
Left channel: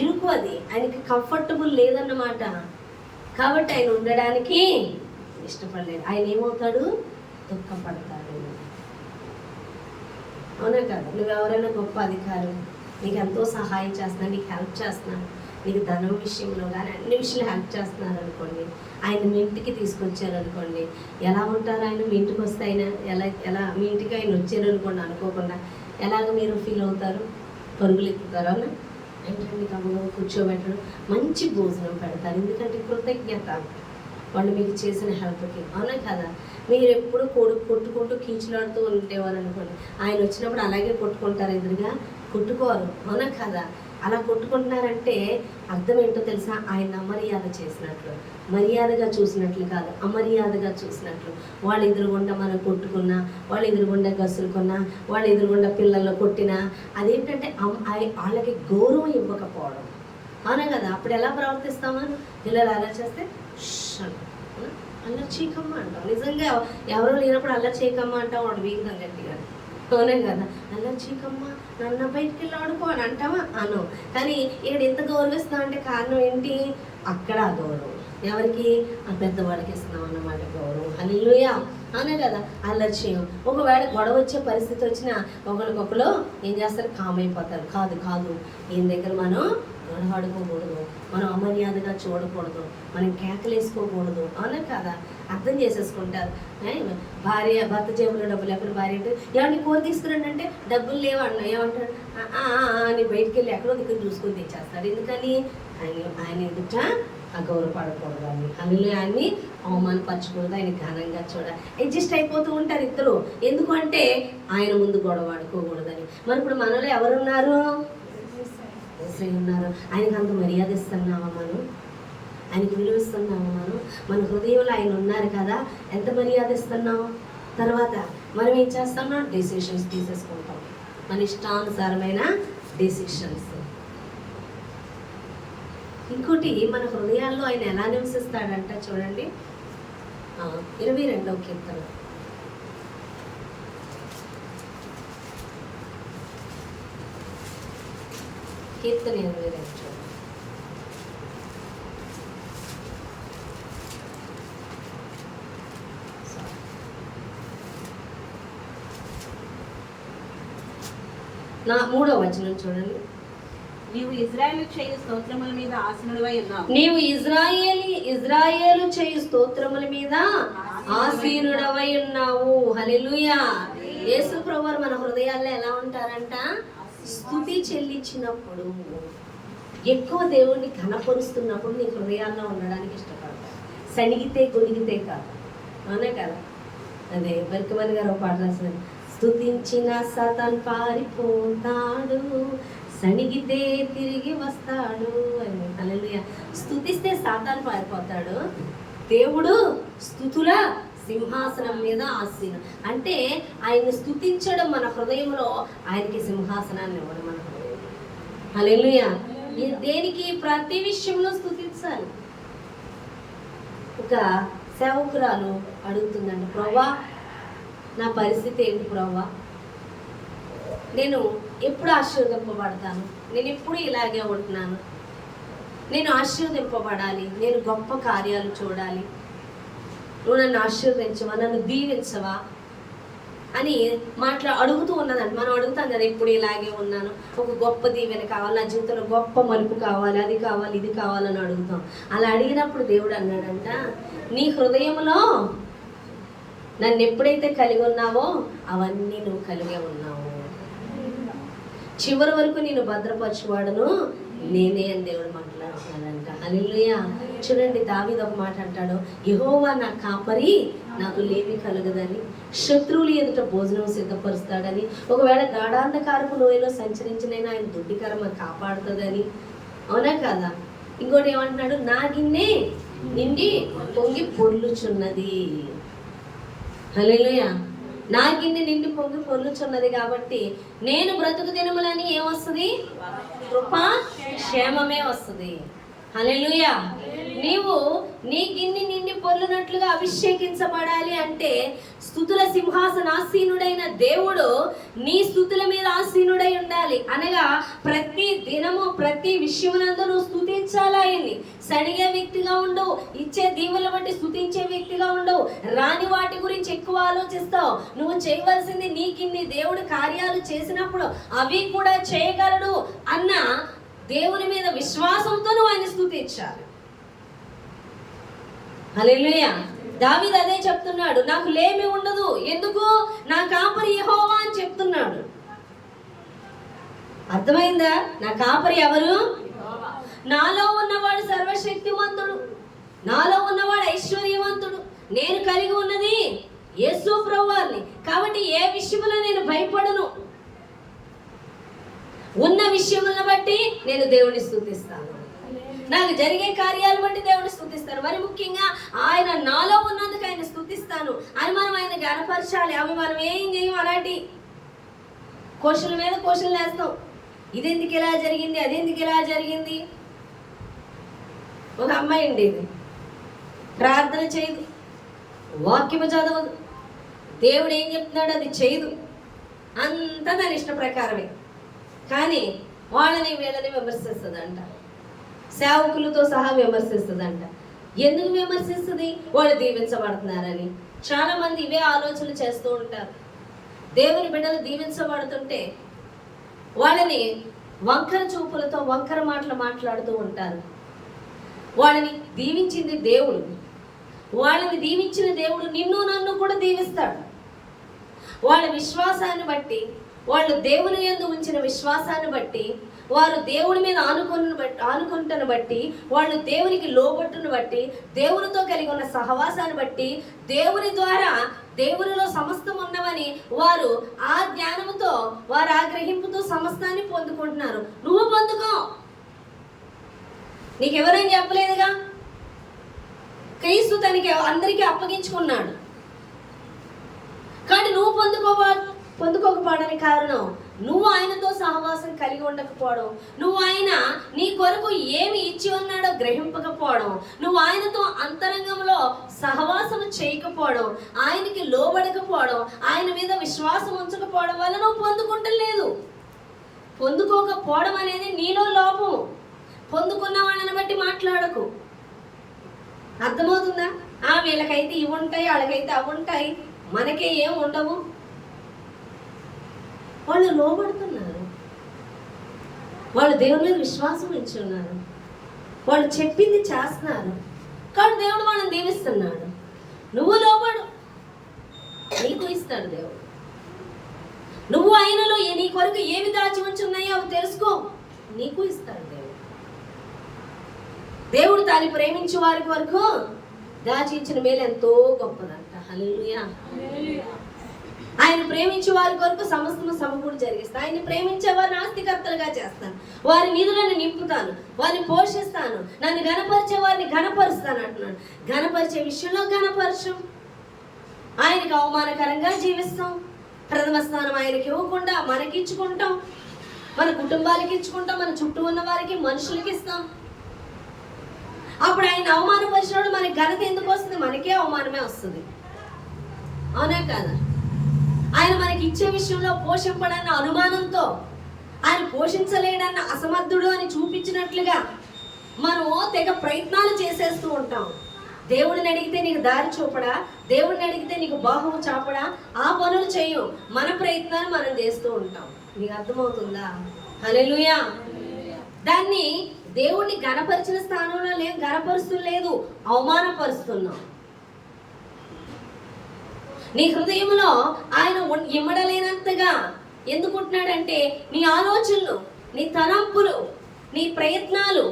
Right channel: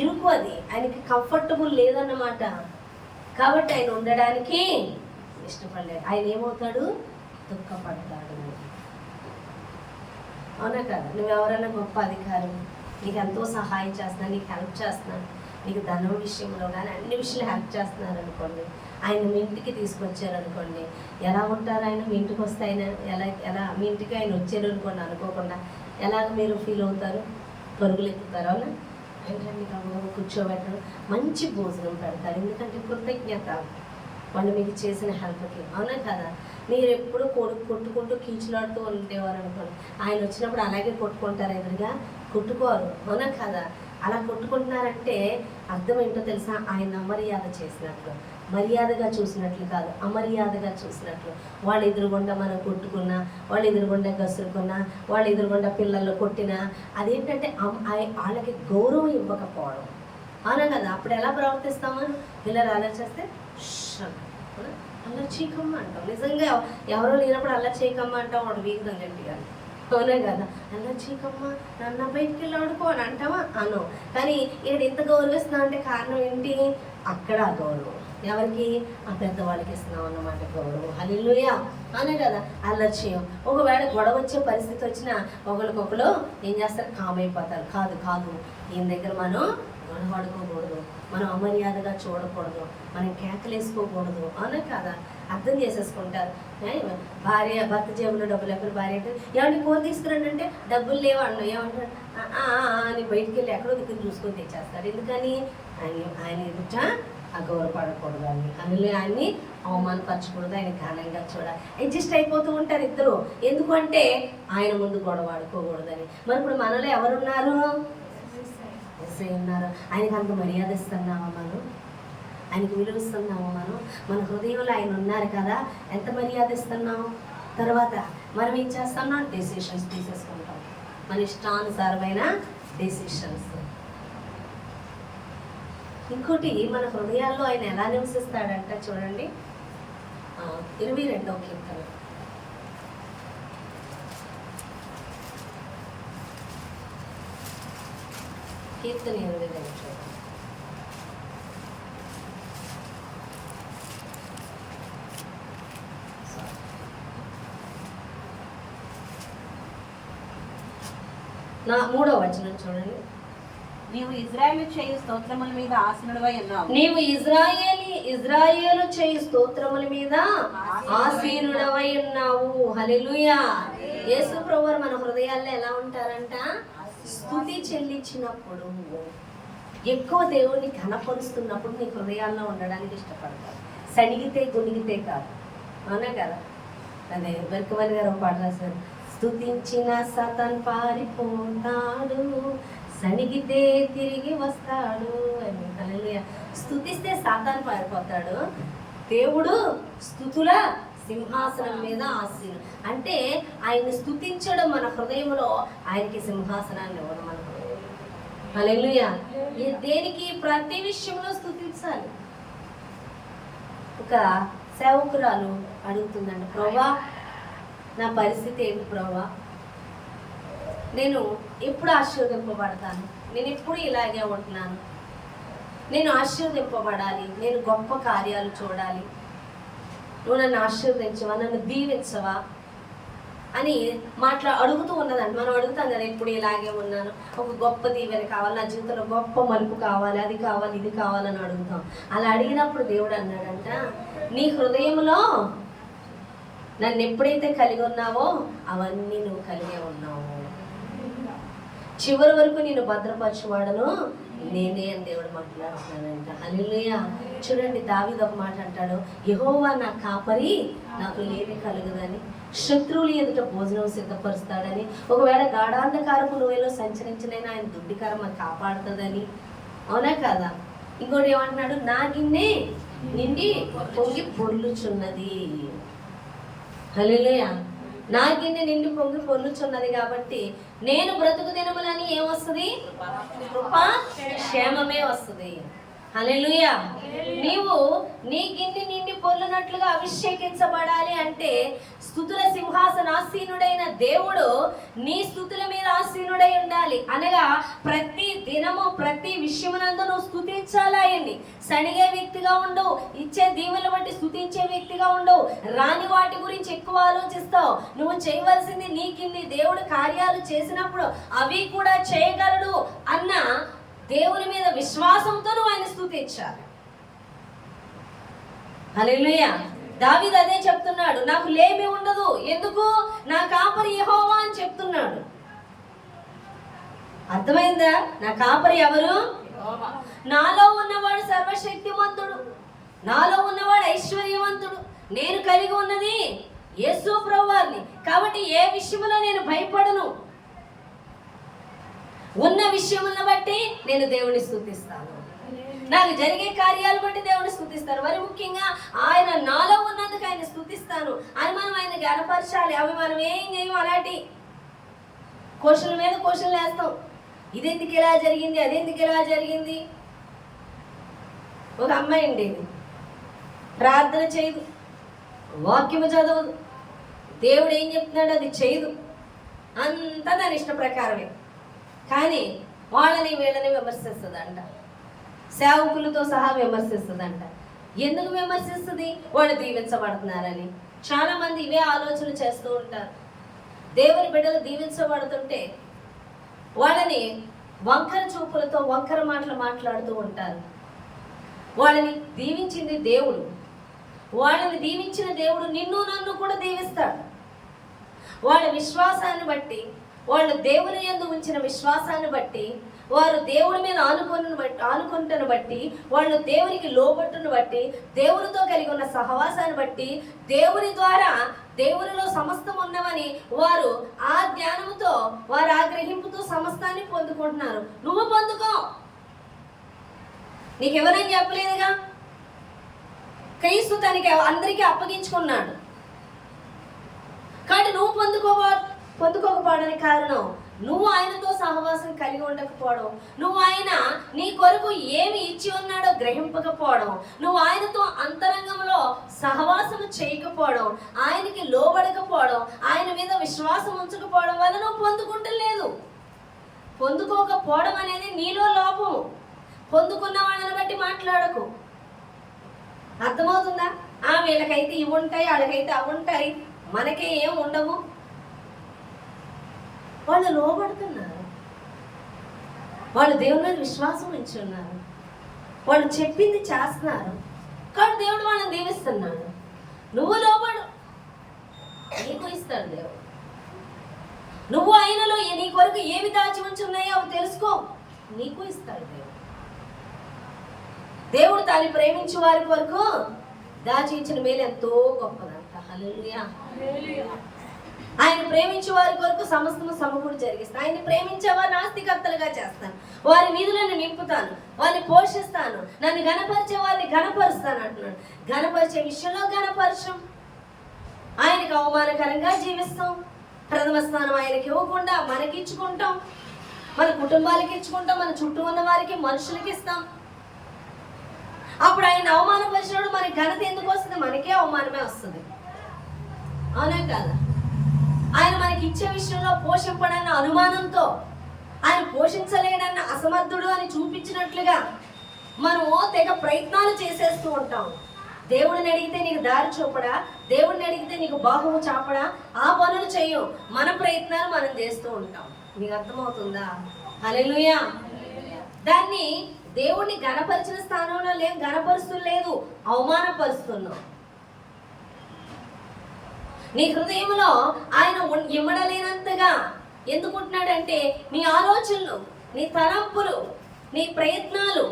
ఇరుకు, అది ఆయనకి కంఫర్టబుల్ లేదన్నమాట. కాబట్టి ఆయన ఉండడానికి ఇష్టపడలేదు. ఆయన ఏమవుతాడు? దుఃఖపడతాడు. అవునా కదా? నువ్వెవరైనా గొప్ప అధికారం, నీకు ఎంతో సహాయం చేస్తున్నా, నీకు హెల్ప్ చేస్తున్నా, నీకు ధనం విషయంలో కానీ అన్ని విషయాలు హెల్ప్ చేస్తున్నారు అనుకోండి, ఆయన మీ ఇంటికి తీసుకొచ్చారనుకోండి, ఎలా ఉంటారు? ఆయన మీ ఇంటికి వస్తే ఆయన ఎలా మీ ఇంటికి ఆయన వచ్చారనుకోండి అనుకోకుండా ఎలాగ మీరు ఫీల్ అవుతారు? పరుగులు ఎక్కుతారు. అవునా? అంటే మీకు అమ్మగా కూర్చోబెట్టడం, మంచి భోజనం పెడతారు. ఎందుకంటే కృతజ్ఞత వాళ్ళు మీకు చేసిన హెల్ప్కి. అవునా కదా? మీరు ఎప్పుడు కొట్టుకుంటూ కీచులాడుతూ ఉండేవారు అనుకోండి, ఆయన వచ్చినప్పుడు అలాగే కొట్టుకుంటారు, ఎదురుగా కొట్టుకోరు. అవునా కదా? అలా కొట్టుకుంటున్నారంటే అర్థం ఏంటో తెలుసా? ఆయన అమర్యాద చేసినట్లు, మర్యాదగా చూసినట్లు కాదు, అమర్యాదగా చూసినట్లు. వాళ్ళు ఎదురుగుండా మనం కొట్టుకున్నా, వాళ్ళు ఎదురుగుండా గసురుకున్నా, వాళ్ళు ఎదురుగుండా పిల్లల్లో కొట్టినా అదేంటంటే వాళ్ళకి గౌరవం ఇవ్వకపోవడం. అవునా కదా? అప్పుడు ఎలా ప్రవర్తిస్తామా? పిల్లలు అలా చేస్తే అల్లరి చేయకమ్మ అంటాం. నిజంగా ఎవరో లేనప్పుడు అల్లరి చేయకమ్మ అంటాం, వాడు వీగుదాం గట్టిగా. అవునా కదా? అల్లరి చేయకమ్మ, నన్ను బయటికి వెళ్ళి ఆడుకో అని అంటావా? అను. కానీ ఇక్కడ ఎంత గౌరవిస్తున్నాం అంటే కారణం ఏంటి? అక్కడ ఆ గౌరవం ఎవరికి? ఆ పెద్దవాళ్ళకి ఇస్తున్నాం అన్నమాట గౌరవం. హల్లెలూయా. అనే కదా? అల్లరి చేయం. ఒకవేళ గొడవ వచ్చే పరిస్థితి వచ్చినా ఒకరికొకరు ఏం చేస్తారు? కామైపోతారు. కాదు ఈయన దగ్గర మనం గొడవాడుకోకూడదు, మనం అమర్యాదగా చూడకూడదు, మనం కేకలేసుకోకూడదు. అవునా కదా? అర్థం చేసేసుకుంటారు. భర్త జేబులో డబ్బులు ఎక్కడ భార్య అంటే ఏమంటే కూర తీసుకురండి అంటే డబ్బులు లేవన్నా ఏమంటాడు? అని బయటికి వెళ్ళి ఎక్కడో దిక్కుని చూసుకొని తెచ్చేస్తాడు. ఎందుకని? ఆయన ఎదుట అగౌరవపడకూడదని, ఆయన్ని అవమానపరచకూడదు, ఆయన ఘనంగా చూడాలి. అడ్జస్ట్ అయిపోతూ ఉంటారు ఇద్దరు. ఎందుకంటే ఆయన ముందు గొడవ ఆడుకోకూడదని. మరి ఇప్పుడు మనలో ఎవరున్నారు? యేసయ్య ఉన్నారు. ఆయనకు అంత మర్యాద ఇస్తున్నామా మనం? ఆయనకి విలువ ఇస్తున్నాము మనం? మన హృదయంలో ఆయన ఉన్నారు కదా, ఎంత మర్యాద ఇస్తున్నాము? తర్వాత మనం ఏం చేస్తున్నాం? డెసిషన్స్ తీసేసుకుంటాం, మన ఇష్టానుసారమైన డెసిషన్స్. ఇంకోటి, మన హృదయాల్లో ఆయన ఎలా నివసిస్తాడంట చూడండి, 22వ కీర్తన. కీర్తన 22 చూడండి. నా 3వ వచనం చూడండి. నీవు ఇజ్రాయేలు చేయు స్తోత్రముల మీద ఆసీనుడవై ఉన్నావు. నీవు ఇజ్రాయేలు చేయు స్తోత్రముల మీద ఆసీనుడవై ఉన్నావు. హల్లెలూయా. యేసు ప్రభువు మన హృదయాల్లో ఎలా ఉంటారంట? స్తుతి చెల్లించినప్పుడు, ఎక్కువ దేవుణ్ణి ఘనపరుస్తున్నప్పుడు నీ హృదయాల్లో ఉండడానికి ఇష్టపడతారు. సణిగితే గొనిగితే కాదు, అవునా కదా? అదే బర్కమన్ గారు ఒక పాట రాశారు, స్తుతించిన సతన్ పారిపోతాడు, సణిగితే తిరిగి వస్తాడు అని. హల్లెలూయా. స్తుతిస్తే సాతాను పారిపోతాడు. దేవుడు స్తుతుల సింహాసనం మీద ఆసీను. అంటే ఆయన్ని స్తుతించడం మన హృదయంలో, ఆయనకి సింహాసనాన్ని ఇవ్వడం మన హృదయంలో. హల్లెలూయా. దేనికి? ప్రతి విషయంలో స్తుతించాలి. ఒక సేవకురాలు అడుగుతుందండి, ప్రభువా నా పరిస్థితి ఏంటి ప్రభువా? నేను ఎప్పుడు ఆశీర్వదింపబడతాను? నేను ఎప్పుడు ఇలాగే ఉంటున్నాను. నేను ఆశీర్వదింపబడాలి, నేను గొప్ప కార్యాలు చూడాలి, నువ్వు నన్ను ఆశీర్వదించవా, నన్ను దీవించవా అని అడుగుతూ ఉన్నదండి. మనం అడుగుతాం కదా, ఎప్పుడు ఇలాగే ఉన్నాను, ఒక గొప్ప దీవెన కావాలి, నా జీవితంలో గొప్ప మలుపు కావాలి, అది కావాలి, ఇది కావాలని అడుగుతాం. అలా అడిగినప్పుడు దేవుడు అన్నాడంట, నీ హృదయంలో నన్ను ఎప్పుడైతే కలిగి ఉన్నావో అవన్నీ నువ్వు కలిగే ఉన్నావు. చివరి వరకు నేను భద్రపరచువాడను నేనే అని దేవుడు మాట్లాడుతున్నాడంట. హల్లెలూయా. చూడండి, దావీదు ఒక మాట అంటాడు, యెహోవా నా కాపరి, నాకు లేమి కలుగదని, శత్రువులు ఎదుట భోజనం సిద్ధపరుస్తాడని, ఒకవేళ గాఢాంధకారపు లోయలో సంచరించినైనా ఆయన దుడ్డికరమ కాపాడుతుందని. అవునా కదా? ఇంకోటి ఏమంటున్నాడు, నా గిన్నె నిండి పొంగి పొర్లుచున్నది. హల్లెలూయా. నా గిన్నె నిండి పొంగి పొర్లుచున్నది కాబట్టి నేను బ్రతుకు దినములని ఏమొస్తుంది? కృపా క్షేమమే వస్తుంది. హల్లెలూయా. నీవు నీ గిన్నె నిండి పొర్లునట్లుగా అభిషేకించబడాలి అంటే స్తుతుల సింహాసనాసీనుడైన దేవుడు నీ స్తుతుల మీద ఆసీనుడై ఉండాలి. అనగా ప్రతి దినము ప్రతి విషయమునందు నువ్వు స్తుతించాలి ఆయన్ని. సణిగే వ్యక్తిగా ఉండవు, ఇచ్చే దీవెల బట్టి స్తుతించే వ్యక్తిగా ఉండవు, రాని వాటి గురించి ఎక్కువ ఆలోచిస్తావు. నువ్వు చేయవలసింది నీకిన్ని దేవుడు కార్యాలు చేసినప్పుడు అవి కూడా చేయగలడు అన్న దేవుని మీద విశ్వాసంతో నువ్వు ఆయన స్తుతించాలి. హల్లెలూయా. దావీదు అదే చెప్తున్నాడు, నాకు లేమి ఉండదు, ఎందుకు? నా కాపరి యెహోవా అని చెప్తున్నాడు. అర్థమైందా? నా కాపరి ఎవరు? నాలో ఉన్నవాడు సర్వశక్తిమంతుడు, నాలో ఉన్నవాడు ఐశ్వర్యవంతుడు, నేను కలిగి ఉన్నది యేసు ప్రభువారిని. కాబట్టి ఏ విషయంలో నేను భయపడను. ఉన్న విషయములను బట్టి నేను దేవుని స్తుతిస్తాను. నాకు జరిగే కార్యాలు బట్టి దేవుని స్తుతిస్తాను. మరి ముఖ్యంగా ఆయన నాలో ఉన్నందుకు ఆయన స్తుతిస్తాను అని మనం ఆయన గణపరచాలి. అవి మనం ఏం చేయం, అలాంటి క్వశ్చన్ల మీద క్వశ్చన్లు వేస్తాం. ఇదెందుకు ఇలా జరిగింది, అదెందుకు ఇలా జరిగింది. ఒక అమ్మాయి ఉండేది, ప్రార్థన చేయదు, వాక్యము చదవదు, దేవుడు ఏం చెప్తున్నాడు అది చేయదు, అంతా దాని ఇష్ట ప్రకారమే. కానీ వాళ్ళని వీళ్ళని విమర్శిస్తుందంట, సేవకులతో సహా విమర్శిస్తుందంట. ఎందుకు విమర్శిస్తుంది? వాళ్ళు దీవించబడుతున్నారని. చాలా మంది ఇవే ఆలోచనలు చేస్తూ ఉంటారు. దేవుని బిడ్డలు దీవించబడుతుంటే వాళ్ళని వంకర చూపులతో వంకర మాటలు మాట్లాడుతూ ఉంటారు. వాళ్ళని దీవించింది దేవుడు, వాళ్ళని దీవించిన దేవుడు నిన్ను నన్ను కూడా దీవిస్తాడు. వాళ్ళ విశ్వాసాన్ని బట్టి, వాళ్ళు దేవుని యందు ఉంచిన విశ్వాసాన్ని బట్టి వారు దేవుడి మీద ఆనుకుంటున్న బట్టి, వాళ్ళు దేవునికి లోబట్టును బట్టి, దేవునితో కలిగి ఉన్న సహవాసాన్ని బట్టి, దేవుని ద్వారా దేవునిలో సమస్తం ఉన్నవని వారు ఆ జ్ఞానంతో, వారు ఆ గ్రహింపుతో సమస్తాన్ని పొందుకుంటున్నారు. నువ్వు పొందుకో. నీకెవరైనా చెప్పలేదుగా. క్రీస్తు తనకి అందరికీ అప్పగించుకున్నాడు. కాబట్టి నువ్వు పొందుకోకపోవడానికి కారణం నువ్వు ఆయనతో సహవాసం కలిగి ఉండకపోవడం, నువ్వు ఆయన నీ కొరకు ఏమి ఇచ్చి ఉన్నాడో గ్రహింపకపోవడం, నువ్వు ఆయనతో అంతరంగంలో సహవాసం చేయకపోవడం, ఆయనకి లోబడకపోవడం, ఆయన మీద విశ్వాసం ఉంచకపోవడం వల్ల నువ్వు పొందుకుంటలేదు. పొందుకోకపోవడం అనేది నీలో లోపము. పొందుకున్న వాళ్ళని బట్టి మాట్లాడకు. అర్థమవుతుందా? వీళ్ళకైతే ఇవి ఉంటాయి, వాళ్ళకైతే అవి ఉంటాయి, మనకే ఏం ఉండవు. వాళ్ళు లోబడుతున్నారు, వాళ్ళు దేవుని మీద విశ్వాసం ఉంచి ఉన్నారు, వాళ్ళు చెప్పింది చేస్తున్నారు. కాబట్టి దేవుడు వాళ్ళని దీవిస్తున్నాడు. నువ్వు లోబడు, నీకు ఇస్తాడు దేవుడు. నువ్వు ఆయనలో నీ కొరకు ఏమి దాచి ఉంచి ఉన్నాయో అవి తెలుసుకో, నీకు ఇస్తాడు దేవుడు. దేవుడు తాను ప్రేమించే వారి వరకు దాచించిన మేలు ఎంతో గొప్పదంట. హల్లెలూయా. ఆయన ప్రేమించే వారి కొరకు సమస్తము సమకూడి జరిగిస్తాను. ఆయన ప్రేమించే వారిని ఆస్తికర్తలుగా చేస్తాను, వారి వీధులను నింపుతాను, వారిని పోషిస్తాను, నన్ను గణపరిచే వారిని గణపరుస్తాను అంటున్నాడు. గణపరిచే విషయంలో గణపరచం, ఆయనకు అవమానకరంగా జీవిస్తాం, ప్రథమ స్థానం ఆయనకి ఇవ్వకుండా మనకి ఇచ్చుకుంటాం, మన కుటుంబాలకి ఇచ్చుకుంటాం, మన చుట్టూ ఉన్న వారికి, మనుషులకి ఇస్తాం. అప్పుడు ఆయన అవమానపరిచినప్పుడు మనకి ఘనత ఎందుకు వస్తుంది? మనకే అవమానమే వస్తుంది. అవునా కాదా? ఆయన మనకి ఇచ్చే విషయంలో పోషింపడన్న అనుమానంతో, ఆయన పోషించలేడన్న అసమర్థుడు అని చూపించినట్లుగా మనము తెగ ప్రయత్నాలు చేసేస్తూ ఉంటాం. దేవుడిని అడిగితే నీకు దారి చూపడా, దేవుడిని అడిగితే నీకు బాహువు చాపడా, ఆ పనులు చేయు. మన ప్రయత్నాలు మనం చేస్తూ ఉంటాం. నీకు అర్థమవుతుందా? హల్లెలూయా. దాన్ని దేవుణ్ణి ఘనపరిచిన స్థానంలో ఘనపరుస్తలేదు, అవమానపరుస్తున్నాం. నీ హృదయంలో ఆయన ఇమ్మడలేనంతగా ఎందుకుంటున్నాడంటే, నీ ఆలోచనలు, నీ తలంపులు, నీ ప్రయత్నాలు,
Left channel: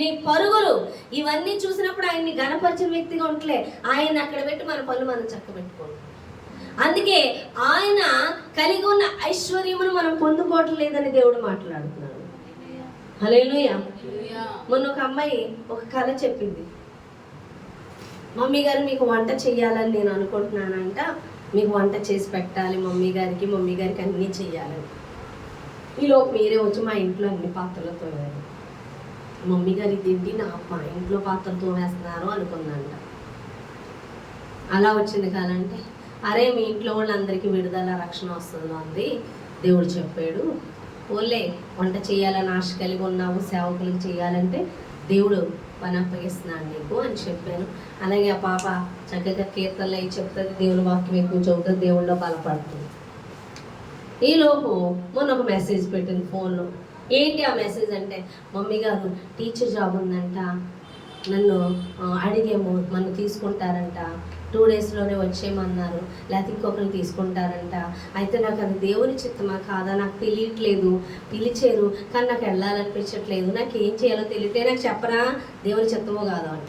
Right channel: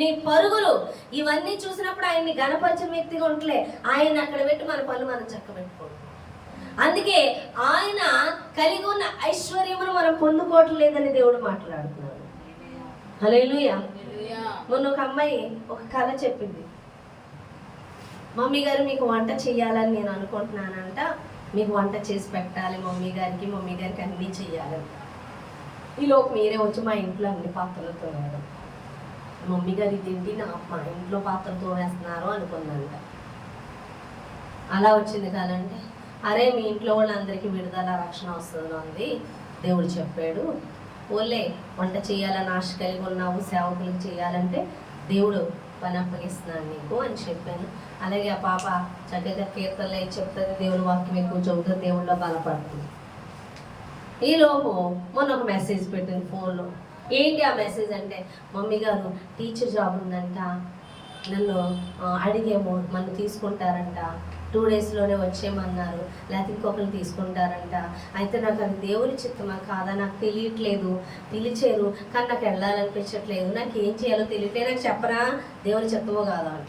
నీ పరుగులు ఇవన్నీ చూసినప్పుడు ఆయన్ని ఘనపరిచిన వ్యక్తిగా ఉంటలే. ఆయన అక్కడ పెట్టి మన పనులు మనం చక్కబెట్టుకోండి. అందుకే ఆయన కలిగి ఉన్న ఐశ్వర్యమును మనం పొందుకోవట్లేదని దేవుడు మాట్లాడుతున్నాడు. హల్లెలూయా. మొన్న ఒక అమ్మాయి ఒక కథ చెప్పింది. మమ్మీ గారు మీకు వంట చెయ్యాలని నేను అనుకుంటున్నానంట, మీకు వంట చేసి పెట్టాలి మమ్మీ గారికి అన్నీ చెయ్యాలి. ఈలోపు మీరే వచ్చి మా ఇంట్లో అన్ని పాత్రలతో వేయాలి. మమ్మీ గారి తిండి మా ఇంట్లో పాత్రలతో వేస్తున్నారు అనుకుందంట. అలా వచ్చింది కాదంటే, అరే మీ ఇంట్లో వాళ్ళందరికీ విడుదల రక్షణ వస్తుంది అంది, దేవుడు చెప్పాడు. ఓలే వంట చేయాలని ఆశ కలిగి ఉన్నావు, సేవకులకు చేయాలంటే దేవుడు పని అప్పగిస్తున్నాడు నీకు అని చెప్పాను. అలాగే ఆ పాప చక్కగా కీర్తనలు అయి చెప్తుంది, దేవుని వాక్యం ఎక్కువ చెబుతుంది, దేవుళ్ళలో బలపడుతుంది. ఈలోపు మొన్న ఒక మెసేజ్ పెట్టింది ఫోన్లో. ఏంటి ఆ మెసేజ్ అంటే, మమ్మీ గారు టీచర్ జాబ్ ఉందంట, నన్ను అడిగేమో నన్ను తీసుకుంటారంట, 2 డేస్లోనే వచ్చేయమన్నారు, లేకపోతే ఇంకొకరిని తీసుకుంటారంట. అయితే నాకు అది దేవుని చిత్తమా కాదా నాకు తెలియట్లేదు, పిలిచారు కానీ నాకు వెళ్ళాలనిపించట్లేదు, నాకు ఏం చేయాలో తెలియట్లేదు, నాకు చెప్పరా దేవుని చిత్తమో కాదా అంట.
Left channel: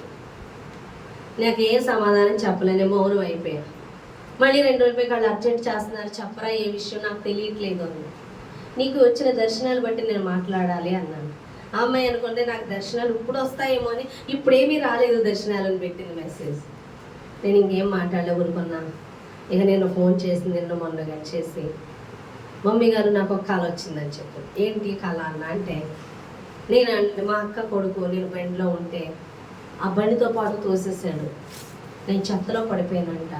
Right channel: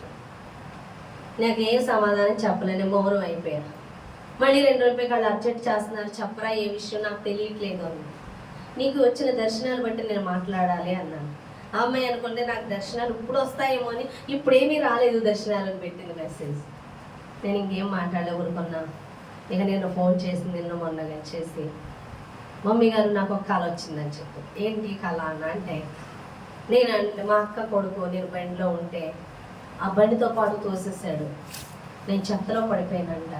నాకేం సమాధానం చెప్పలేని మౌనం అయిపోయా. మళ్ళీ 2 రోజులపై వాళ్ళు అర్జెంట్ చేస్తున్నారు, చెప్పరా ఏ విషయం నాకు తెలియట్లేదు అని. నీకు వచ్చిన దర్శనాలు బట్టి నేను మాట్లాడాలి అన్నాను. ఆ అమ్మాయి అనుకుంటే నాకు దర్శనాలు ఇప్పుడు వస్తాయేమో అని, ఇప్పుడేమీ రాలేదు దర్శనాలు అని పెట్టింది మెసేజ్. నేను ఇంకేం మాట్లాడలే, ఊరుకున్నా. ఇక నేను ఫోన్ చేసి నిన్న మొన్నగా చేసి, మమ్మీ గారు నాకు ఒక కళ వచ్చిందని చెప్పు. ఏంటి కళ అన్న అంటే, మా అక్క కొడుకు నేను బండిలో ఉంటే ఆ బండితో పాటు తోసేసాడు, నేను చెత్తలో పడిపోయానంట.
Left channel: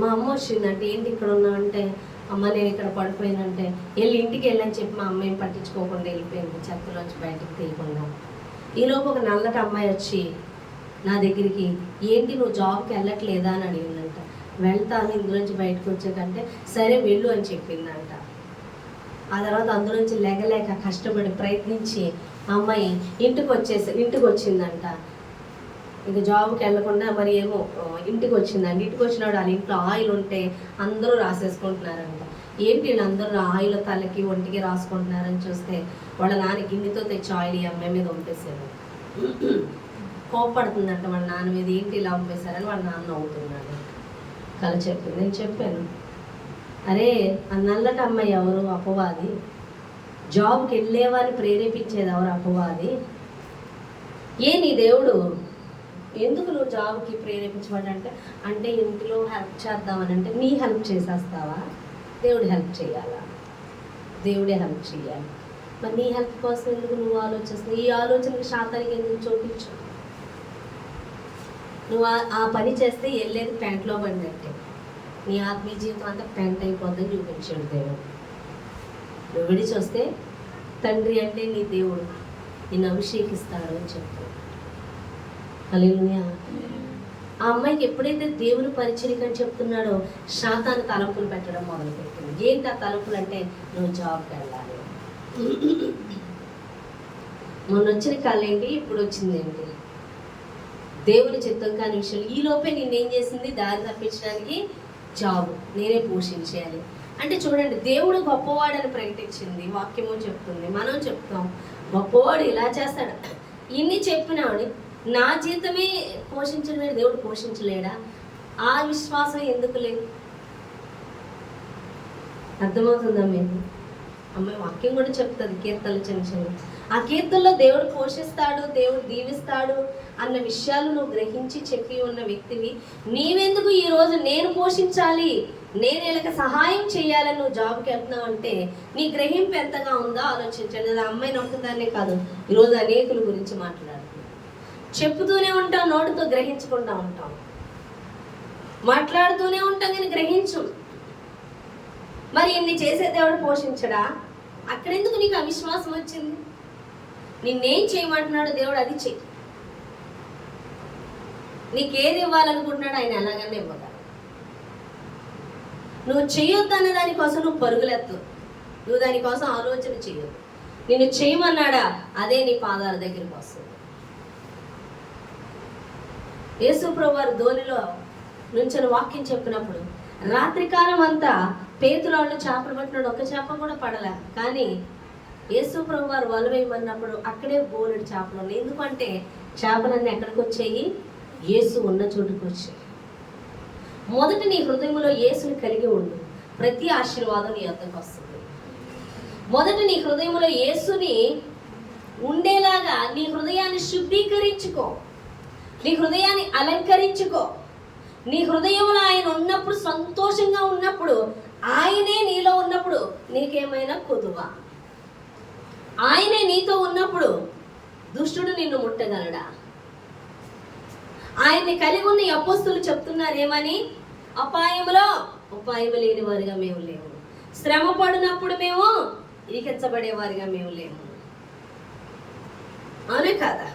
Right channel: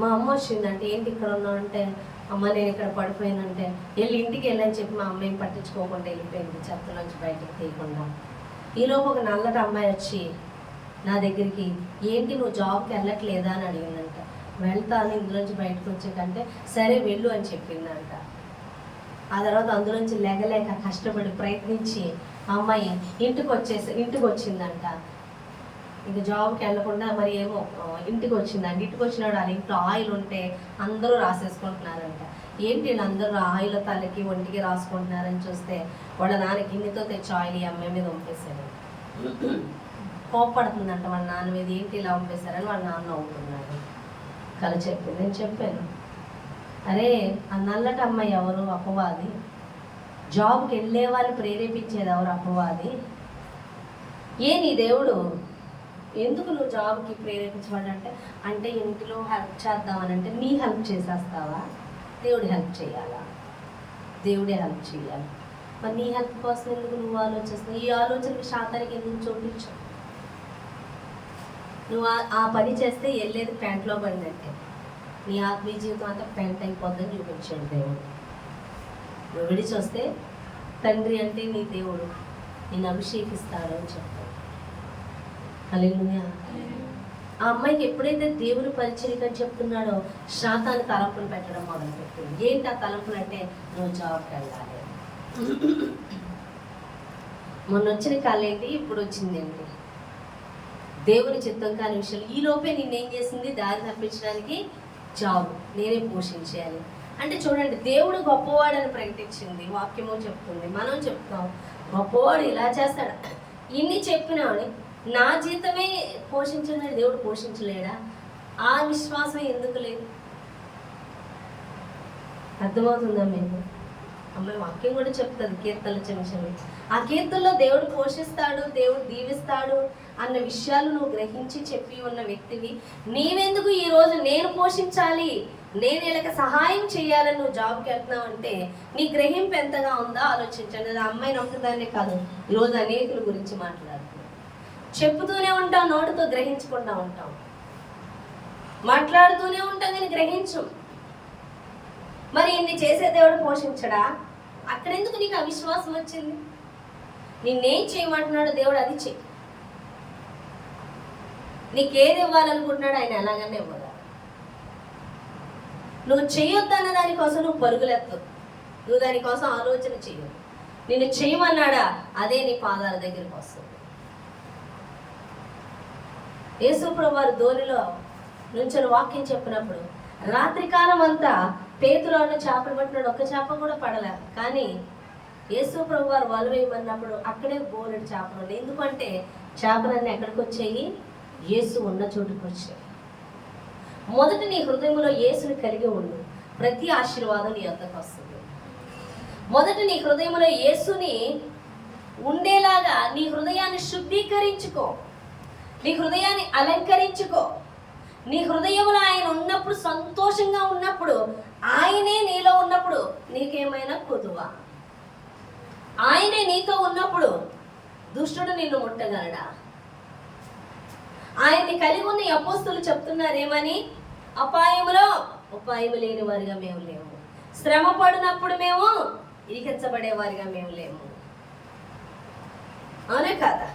మా అమ్మ వచ్చిందంటే, ఏంటి ఇక్కడ ఉన్నావు అంటే, అమ్మ నేను ఇక్కడ పడిపోయానంటే, వెళ్ళి ఇంటికి వెళ్ళని చెప్పి మా అమ్మ ఏం పట్టించుకోకుండా వెళ్ళిపోయింది, చెత్తలోంచి బయటికి తీయకుండా. ఈలోపు ఒక నల్లటి అమ్మాయి వచ్చి నా దగ్గరికి, ఏంటి నువ్వు జాబ్కి వెళ్ళట్లేదా అని అడిగిందంట. వెళ్తాను ఇందులోంచి బయటకు వచ్చేకంటే, సరే వెళ్ళు అని చెప్పిందంట. ఆ తర్వాత అందులోంచి లేగలేక కష్టపడి ప్రయత్నించి ఆ అమ్మాయి ఇంటికి వచ్చిందంట. ఇంక జాబ్కి వెళ్ళకుండా మరి ఏమో ఇంటికి వచ్చిందండి. ఇంటికి వచ్చినాడు వాళ్ళ ఇంట్లో ఆయిల్ ఉంటే అందరూ రాసేసుకుంటున్నారంట. ఏంటి వీళ్ళందరూ ఆయిల్ తలకి ఒంటికి రాసుకుంటున్నారని చూస్తే వాళ్ళ నాన్న గిన్నెతో తెచ్చి ఆయిల్ ఈ అమ్మాయి మీద పంపేశాడు. కోప్పడుతుందట వాళ్ళ నాన్న మీద, ఏంటి ఇలా పంపేశారని వాళ్ళ నాన్న అవుతున్నాడు. కల చెప్పింది. నేను చెప్పాను, అరే ఆ నల్లటి అమ్మాయి ఎవరు? అపవాది. జాబ్కి వెళ్ళే వాళ్ళని ప్రేరేపించేది ఎవరు? అపవాది. నీ దేవుడు ఎందుకు నువ్వు జాబ్కి ప్రేరేపించబడంటే అంటే ఇంట్లో హెల్ప్ చేద్దామని, అంటే నీ హెల్ప్ చేసేస్తావా? దేవుడు హెల్ప్ చేయాలా? దేవుడే హెల్ప్ చేయాలి. మరి నీ హెల్ప్ కోసం ఎందుకు నువ్వు ఆలోచిస్తున్నావు? ఈ ఆలోచనకి శాతానికి ఎందుకు చోటించు? నువ్వు ఆ పని చేస్తే వెళ్ళేది పెంట్లో పడినట్టే. నీ ఆత్మీయ జీవితం అంతా పెంట్ అయిపోద్దని చూపించాడు దేవుడు. నువ్వు విడిచి వస్తే తండ్రి అంటే నీ దేవుడు నిన్ను అభిషేకిస్తాడు అని చెప్తాడు. హల్లెలూయా. ఆ అమ్మాయికి ఎప్పుడైతే దేవుని పరిచర్యకు అని చెప్తున్నాడో శాతాన్ని తలంపులు పెట్టడం మొదలుపెట్టింది. ఏంటి ఆ తలంపులు అంటే, నువ్వు జాబ్కి వెళ్ళాలి. మొన్న వచ్చిన కాలేంటి, ఇప్పుడు వచ్చింది ఏంటి? దేవుని చిత్తం కాని విషయాలు. ఈ లోపే నిన్నేం చేసింది? దారి తప్పించడానికి జాబ్ నేనే పోషించాలి అంటే చూడండి, దేవుడు గొప్పవాడని ప్రకటించింది వాక్యము చెప్తుంది. మనం చెప్తాం గొప్పవాడు ఇలా చేస్తాడు. ఇన్ని చెప్పినాడు, నా జీతమే పోషించలేడు, దేవుడు పోషించలేడా? ఆ విశ్వాసం ఎందుకు లేదు? అర్థమవుతుందా మీకు? అమ్మాయి వాక్యం కూడా చెప్తుంది, కీర్తనలు చిన్న చిన్న. ఆ కీర్తనలో దేవుడు పోషిస్తాడు, దేవుడు దీవిస్తాడు అన్న విషయాలు నువ్వు గ్రహించి చెప్పి ఉన్న వ్యక్తివి. నీవెందుకు ఈరోజు నేను పోషించాలి, నేను వీళ్ళకి సహాయం చేయాలని నువ్వు జాబ్కి వెళ్తున్నావు అంటే నీ గ్రహింపు ఎంతగా ఉందో ఆలోచించండి. అది అమ్మాయిని ఒక్కదాన్నే కాదు, ఈరోజు అనేకుల గురించి మాట్లాడుతున్నాను. చెప్పుతూనే ఉంటాం, నోటితో గ్రహించకుండా ఉంటాం, మాట్లాడుతూనే ఉంటాం కానీ గ్రహించు. మరి ఇన్ని చేసే దేవుడు పోషించడా? అక్కడెందుకు నీకు అవిశ్వాసం వచ్చింది? నిన్నేం చేయమంటున్నాడు దేవుడు, అది చెయ్యి. నీకేది ఇవ్వాలనుకుంటున్నాడు ఆయన ఎలాగన్నా ఇవ్వగలడు. నువ్వు చేయొద్దు అన్న దానికోసం నువ్వు పరుగులెత్తు, నువ్వు దానికోసం ఆలోచన చేయొద్దు. నిన్ను చేయమన్నాడా, అదే నీ పాదాల దగ్గరికి వస్తుంది. యేసు ప్రభువు వారు ధోనిలో నుంచొని వాక్యం చెప్పినప్పుడు రాత్రికాలం అంతా పేతురు వాళ్ళు చేపలు పట్టినాడు, ఒక్క చేప కూడా పడలే. కానీ యేసు ప్రభువు వారు వల వేయమన్నప్పుడు అక్కడే బోలెడు చేపలు ఉన్నాయి. ఎందుకంటే చేపలన్నీ ఎక్కడికి వచ్చాయి? యేసు ఉన్న చోటుకు వచ్చాయి. మొదట నీ హృదయంలో యేసుని కలిగి ఉండు, ప్రతి ఆశీర్వాదం నీ వద్దకు వస్తుంది. మొదట నీ హృదయంలో యేసుని ఉండేలాగా నీ హృదయాన్ని శుద్ధీకరించుకో, నీ హృదయాన్ని అలంకరించుకో. నీ హృదయంలో ఆయన ఉన్నప్పుడు, సంతోషంగా ఉన్నప్పుడు, ఆయనే నీలో ఉన్నప్పుడు నీకేమైనా కొదువా? ఆయనే నీతో ఉన్నప్పుడు దుష్టుడు నిన్ను ముట్టగలడా? ఆయన్ని కలిగి ఉన్న అపోస్తలులు చెప్తున్నారు ఏమని? అపాయములో ఉపాయము లేని వారిగా మేము లేము, శ్రమ పడినప్పుడు మేము ఇరికించబడేవారిగా మేము లేము. అవునే కాదా?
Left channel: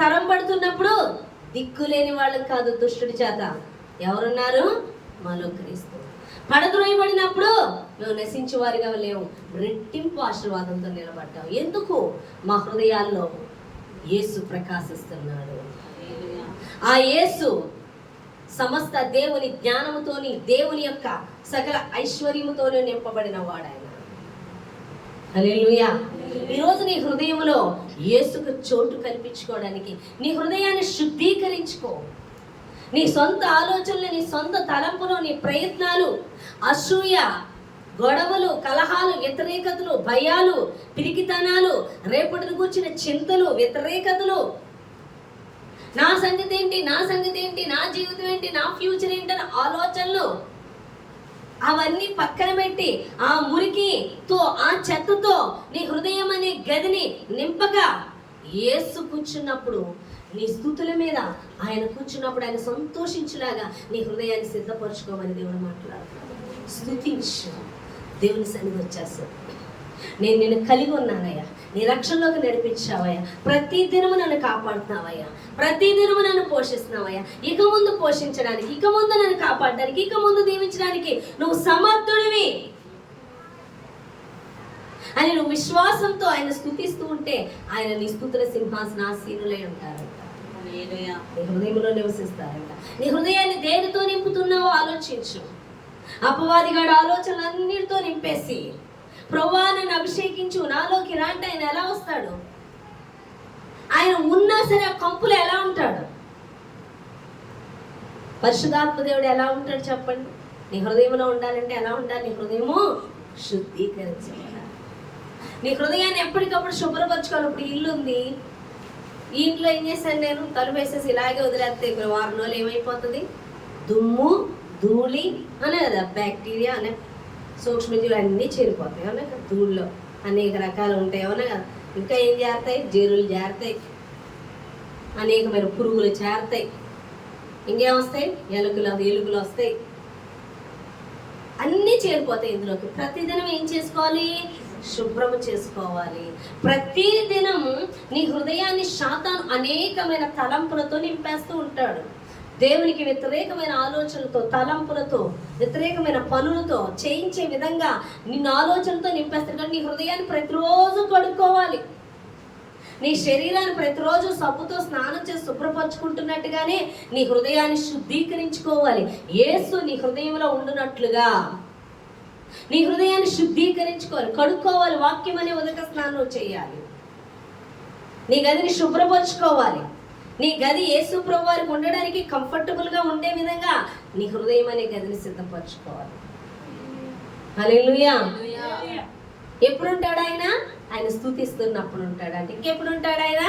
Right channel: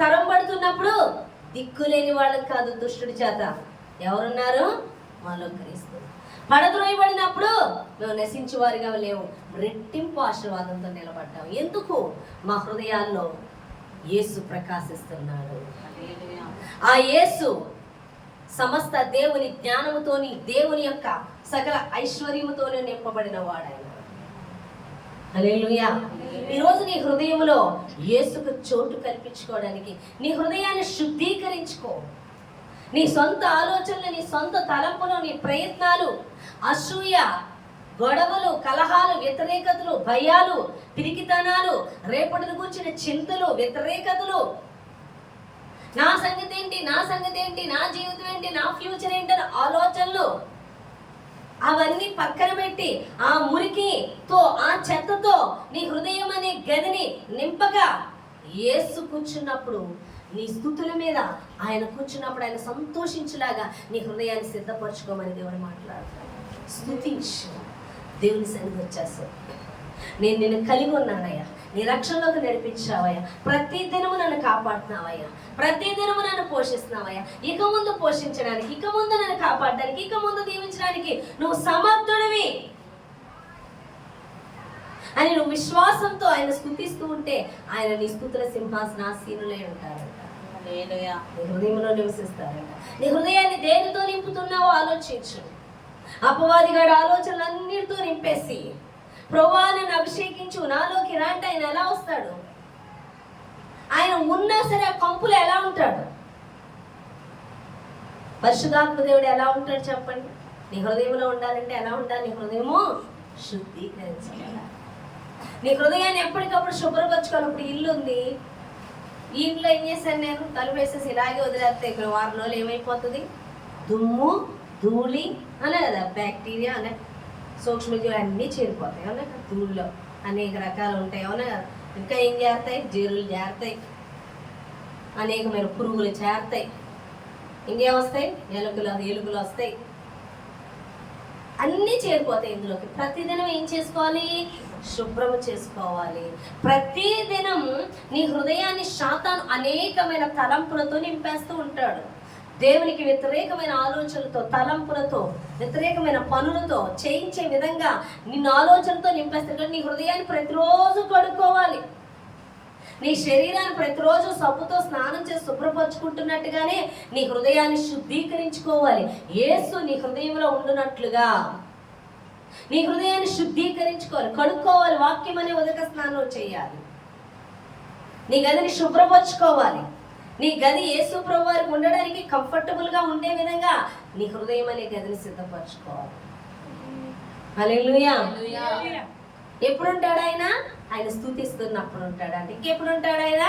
తరం పడుతున్నప్పుడు దిక్కులేని వాళ్ళకి కాదు, దుష్టుడి చేత ఎవరున్నారు? మాలో క్రీస్తు. పడద్రోయబడినప్పుడు మేము నశించే వారిగా లేవు, రెట్టింపు ఆశీర్వాదంతో నిలబడ్డాం. ఎందుకు? మా హృదయాల్లో యేసు ప్రకాశిస్తున్నాడు. ఆ యేసు సమస్త దేవుని జ్ఞానముతోని, దేవుని యొక్క సకల ఐశ్వర్యముతోనే నింపబడిన వాడాయన. హల్లెలూయా. ఈరోజు నీ హృదయంలో యేసుకు చోటు కల్పించుకోవడానికి నీ హృదయాన్ని శుద్ధీకరించుకో. నీ సొంత ఆలోచనలు, నీ సొంత తలంపులు, నీ ప్రయత్నాలు, అసూయ, గొడవలు, కలహాలు, వ్యతిరేకతలు, భయాలు, పిరికితనాలు, రేపటిని కూర్చిన చింతలు, వ్యతిరేకతలు, నా సంగతి ఏంటి, నా సంగతి ఏంటి, నా జీవితం ఏంటి, నా ఫ్యూచర్ ఏంటని ఆలోచనలు, అవన్నీ పక్కన పెట్టి ఆ మురికితో, ఆ చెత్తతో నీ హృదయం అనే గదిని నింపగా యేసు కూర్చున్నప్పుడు, నీ స్తుతుల మీద ఆయన కూర్చున్నప్పుడు ఆయన సంతోషించేలాగా నీ హృదయాన్ని సిద్ధపరచుకోమని దేవుడు మాట్లాడుతున్నాడు. స్తుతించు, దేవుని సన్నిధి వచ్చేస్తావు. నేను నిన్ను కలిగి ఉన్నానయ్యా, నీ రక్షణలోకి నడిపించావయ్యా, ప్రతి దినము నన్ను కాపాడుతున్నావయ్యా, ప్రతి దినము నన్ను పోషిస్తున్నావయ్యా, ఇక ముందు పోషించడానికి, ఇక ముందు నన్ను కాపాడడానికి, ఇక ముందు దీవించడానికి నువ్వు సమర్థుడివి అని నువ్వు విశ్వాసంతో ఆయన స్తుతిస్తూ ఉంటే ఆయన నీ స్తుతుల సింహాసనాసీనులై ఉంటారంట. నీ హృదయంలో నివసిస్తారంట. నీ హృదయాన్ని దేనితో నింపుతున్నావో ఆలోచించు. అపవాదిగాడు ఆలోచనలన్నిటితో నింపేసి ప్రభువా నన్ను అభిషేకించు, నాలోకి రా అంటే ఆయన ఎలా వస్తాడు? ఆయన ఉన్నా సరే ఆ కంపులో ఎలా ఉంటాడు? పరిశుద్ధాత్మ దేవుడు ఎలా ఉంటాడు చెప్పండి? నీ హృదయంలో ఉండాలంటే ఎలా ఉండాలి? నీ హృదయము శుద్ధీకరించాలి. నీ హృదయాన్ని ఎప్పటికప్పుడు శుభ్రపరచుకోవాలి. ఇప్పుడు ఇల్లు ఉంది, ఈ ఇంట్లో ఏం చేశాను నేను? తలుపు వేసేసి ఇలాగే వదిలేస్తే ఇక్కడ వారం రోజులు ఏమైపోతుంది? దుమ్ము, ధూళి అనే కదా, బ్యాక్టీరియా అనే సూక్ష్మజీవులు అన్నీ చేరిపోతాయి. అవునా కదా? ధూళిలో అనేక రకాలు ఉంటాయి. అవునా కదా? ఇంకా ఏం చేస్తాయి? జరులు చేరుతాయి, అనేకమైన పురుగులు చేరుతాయి, ఇంకేమొస్తాయి? ఎలుకలు వస్తాయి, అన్నీ చేరిపోతాయి ఇందులోకి. ప్రతిదినం ఏం చేసుకోవాలి? శుభ్రం చేసుకోవాలి. ప్రతిదినం నీ హృదయాన్ని శాతాను అనేకమైన తలంపులతో నింపేస్తూ ఉంటాడు. దేవునికి వ్యతిరేకమైన ఆలోచనలతో, తలంపులతో, వ్యతిరేకమైన పనులతో చేయించే విధంగా నిన్ను ఆలోచనతో నింపేస్తాడు. కానీ నీ హృదయాన్ని ప్రతిరోజు కడుక్కోవాలి. నీ శరీరాన్ని ప్రతిరోజు సబ్బుతో స్నానం చేసి శుభ్రపరచుకుంటున్నట్టుగానే నీ హృదయాన్ని శుద్ధీకరించుకోవాలి. యేసు నీ హృదయంలో ఉండునట్లుగా నీ హృదయాన్ని శుద్ధీకరించుకోవాలి, కడుక్కోవాలి. వాక్యం అనే ఉదక స్నానం చేయాలి. నీ గదిని శుభ్రపరచుకోవాలి. నీ గది యేసు ప్రభు వారికి ఉండడానికి కంఫర్టబుల్గా ఉండే విధంగా నీ హృదయం అనే గదిని సిద్ధపరచుకోవాలి. హల్లెలూయా. ఎప్పుడు ఉంటాడు ఆయన? ఆయన స్తుతిస్తున్నప్పుడు ఉంటాడు. అంటే ఇంకెప్పుడు ఉంటాడు ఆయన?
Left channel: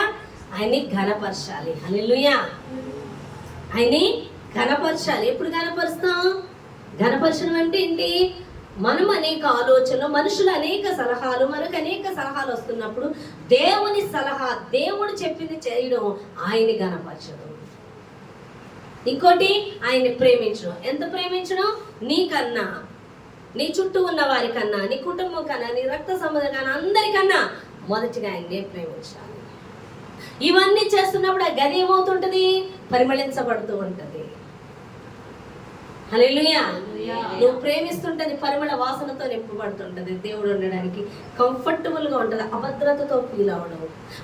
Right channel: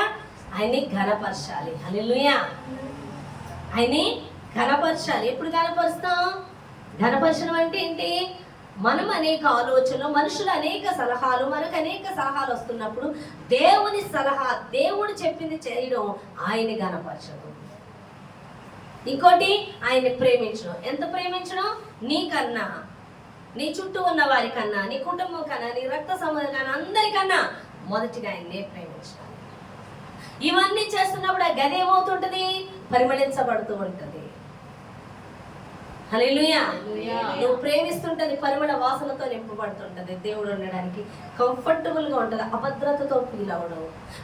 ఆయన్ని ఘనపరచాలి. హల్లెలూయా. ఆయన్ని ఘనపరచాలి. ఎప్పుడు ఘనపరుస్తాం? ఘనపరచడం అంటే ఏంటి? మనం అనేక ఆలోచనలు, మనుషులు అనేక సలహాలు, మనకు అనేక సలహాలు వస్తున్నప్పుడు దేవుని సలహా, దేవుడు చెప్పింది చేయడం, ఆయన్ని ఘనపరచడం. ఇంకోటి ఆయన్ని ప్రేమించడం. ఎంత ప్రేమించడం? నీకన్నా, నీ చుట్టూ ఉన్న వారికన్నా, నీ కుటుంబం కన్నా, నీ రక్త సంబంధం కన్నా, అందరికన్నా మొదటిగా ఆయన్నే ప్రేమించాలి. ఇవన్నీ చేస్తున్నప్పుడు ఆ గది ఏమవుతుంటుంది? పరిమళించబడుతూ ఉంటుంది. హల్లెలూయా. నువ్వు ప్రేమిస్తుంటది పరిమళ వాసనతో నింపబడుతుంటది. దేవుడు ఉండడానికి కంఫర్టబుల్గా ఉంటుంది. అభద్రతతో ఫీల్ అవ్వడం,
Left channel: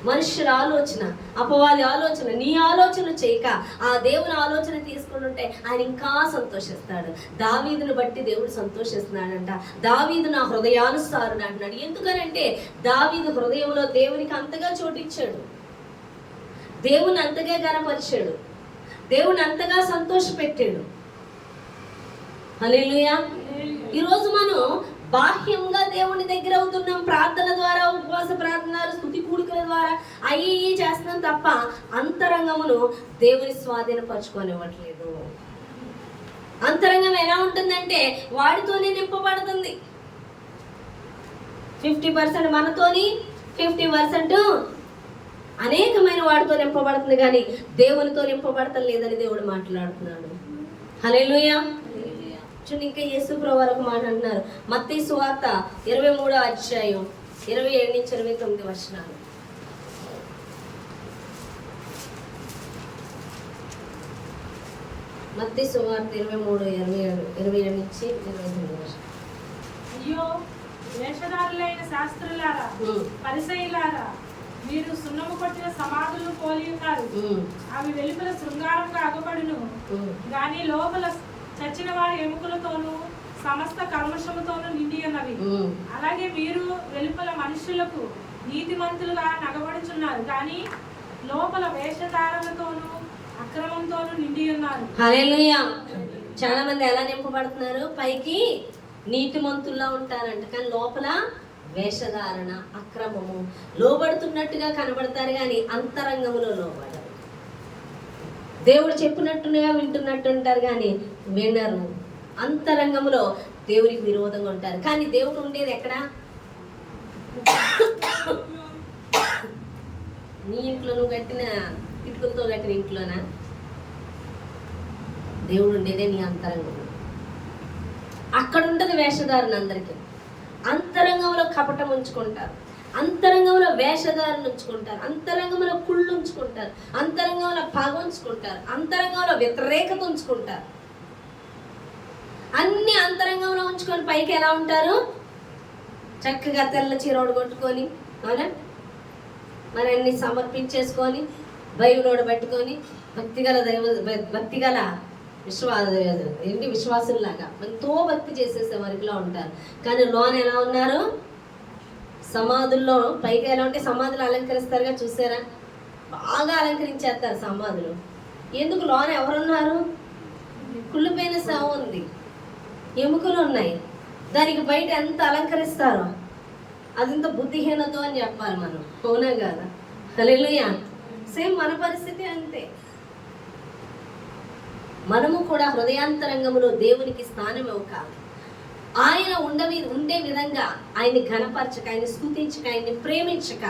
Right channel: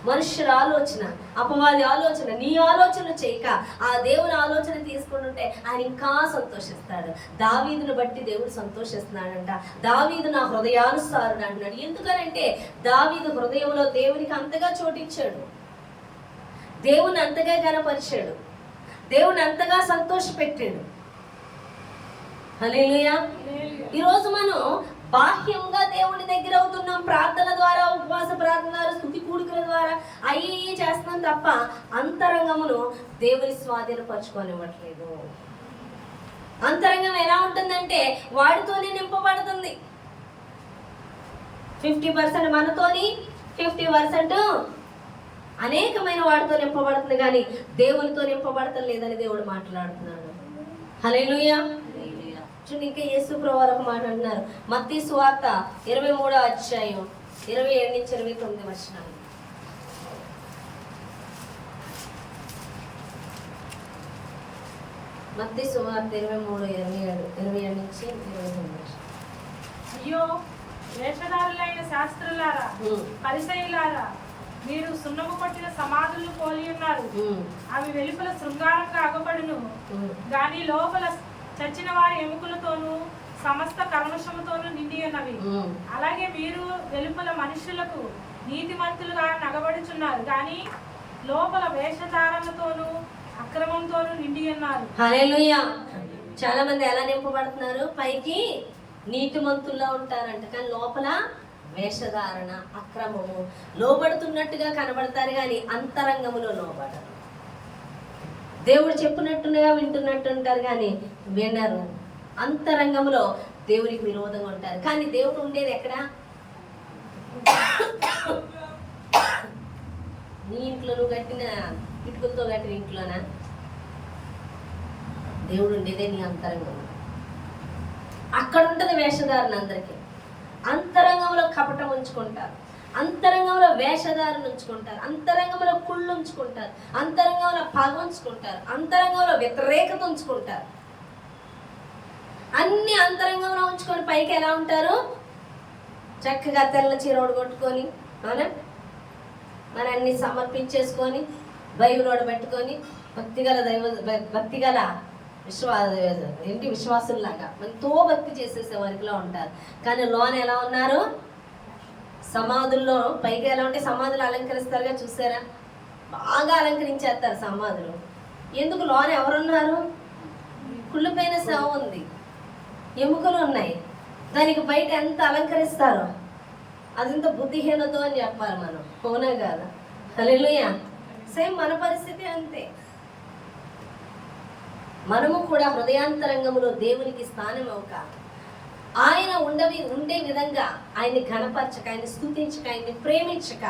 మనుషుల ఆలోచన, అపవాది ఆలోచన, నీ ఆలోచనలు చేయక ఆ దేవుని ఆలోచన తీసుకుంటుంటే ఆయన ఇంకా సంతోషిస్తాడు. దావీదును బట్టి దేవుడు సంతోషిస్తున్నాడంట. దావీదు నా హృదయానుసారుడు అంటున్నాడు. ఎందుకనంటే దావీదు హృదయంలో దేవునికి అంతగా చోటిచ్చాడు, దేవుని అంతగా ఘనపరిచాడు, దేవుని అంతగా సంతోషపెట్టాడు. హల్లెలూయా. ఈరోజు మనం బాహ్యంగా దేవుని దగ్గర అవుతున్నాం, ప్రార్థన ద్వారా, ఉపవాస ప్రార్థన, స్తుతి కూడికల ద్వారా అయ్యి చేస్తున్నాం తప్ప అంతరంగమును దేవుని స్వాధీనపరచుకోనివ్వట్లేదు. అంతరంగం ఎలా ఉంటుందంటే వాడితోనే నింపబడుతుంది. 50% మనతోని, 50% అనేకమైన వాడితో నింపబడుతుంది, కానీ దేవునితో నింపబడటం లేదని దేవుడు మాట్లాడుతున్నాడు. హల్లెలూయా. చూడండి, ఇంకా యేసు ప్రభువు ఒక మాట అంటున్నారు. మత్తయి సువార్త 23వ అధ్యాయం 27 నుంచి 29 వచనాలు. మత్తయి సువార్త 23:27 నుంచి 29 వచనాలు. అయ్యో వేషధారులైన శాస్త్రులారా, పరిసయ్యులారా, మీరు సున్నము కొట్టిన సమాధులను పోలి ఉన్నారు. అవి వెలుపల శృంగారంగా అగపడును, గాని లోపల చచ్చిన వారి ఎముకలతోనూ సమస్త కల్మషముతోనూ నిండి ఉన్నవి. అలాగే మీరు వెలుపల మనుషులకు నీతిమంతులుగా నగబడుచున్నారు, కానీ లోపల వేషధారణతోనూ అక్రమంతోనూ నిండి ఉన్నారు. హల్లెలూయా. చాలా మంది ఎలా నింపబడుతున్నారు? పైకి నీతిమంతుల్లా ఉంటారంట, కానీ లోపల వేషధారణ, అక్రమము, లోబడుతున్నట్టుగా కనబడతారు, కానీ అంతరంగములో లోబడరు. దేవుడు చెప్పినట్టుగా వింటున్నట్టు ఉంటారు, కానీ వినరు. అంతరంగంలో దేవుడికి విరోధంగా ఉంటారు. కానీ దేవుడు ఉండేది ఎక్కడ? నీ ఇంట్లో, నువ్వు కట్టిన ఇటుకలతో కట్టిన ఇంట్లోనా? దేవుడు ఉండేదే నీ అంతరంగంలో. అక్కడ ఉంటుంది వేషధారణ. అందరికీ అంతరంగంలో కపటం ఉంచుకుంటారు, అంతరంగంలో వేషధారణ ఉంచుకుంటారు, అంతరంగంలో కుళ్ళు ఉంచుకుంటారు, అంతరంగంలో పగ ఉంచుకుంటారు, అంతరంగంలో వ్యతిరేకత ఉంచుకుంటారు. అన్ని అంతరంగంలో ఉంచుకొని పైకి ఎలా ఉంటారు? చక్కగా తెల్ల చీరోడు కొట్టుకొని, అవునా, మరి అన్ని సమర్పించేసుకొని, బైబిలోడు పెట్టుకొని, భక్తిగల విశ్వాసుల్లాగా ఎంతో భక్తి చేసేసే వరకులో ఉంటారు, కానీ లోన ఎలా ఉన్నారు? సమాధుల్లో పైకి ఎలా ఉంటే సమాధులు అలంకరిస్తారుగా, చూసారా? బాగా అలంకరించేస్తారు సమాధులు. ఎందుకు? లోన ఎవరున్నారు? కుళ్ళిపోయిన శవం ఉంది, ఎముకలు ఉన్నాయి. దానికి బయట ఎంత అలంకరిస్తారో అదంత బుద్ధిహీనతో అని చెప్పాలి మనం, అవునా కాదా? హల్లెలూయా. సేమ్ మన పరిస్థితి అంతే. మనము కూడా హృదయాంతరంగంలో దేవునికి స్థానం ఇవ్వక, ఆయన ఉండే విధంగా ఆయన్ని ఘనపరచక, ఆయన్ని స్తుతించక, ఆయన్ని ప్రేమించక,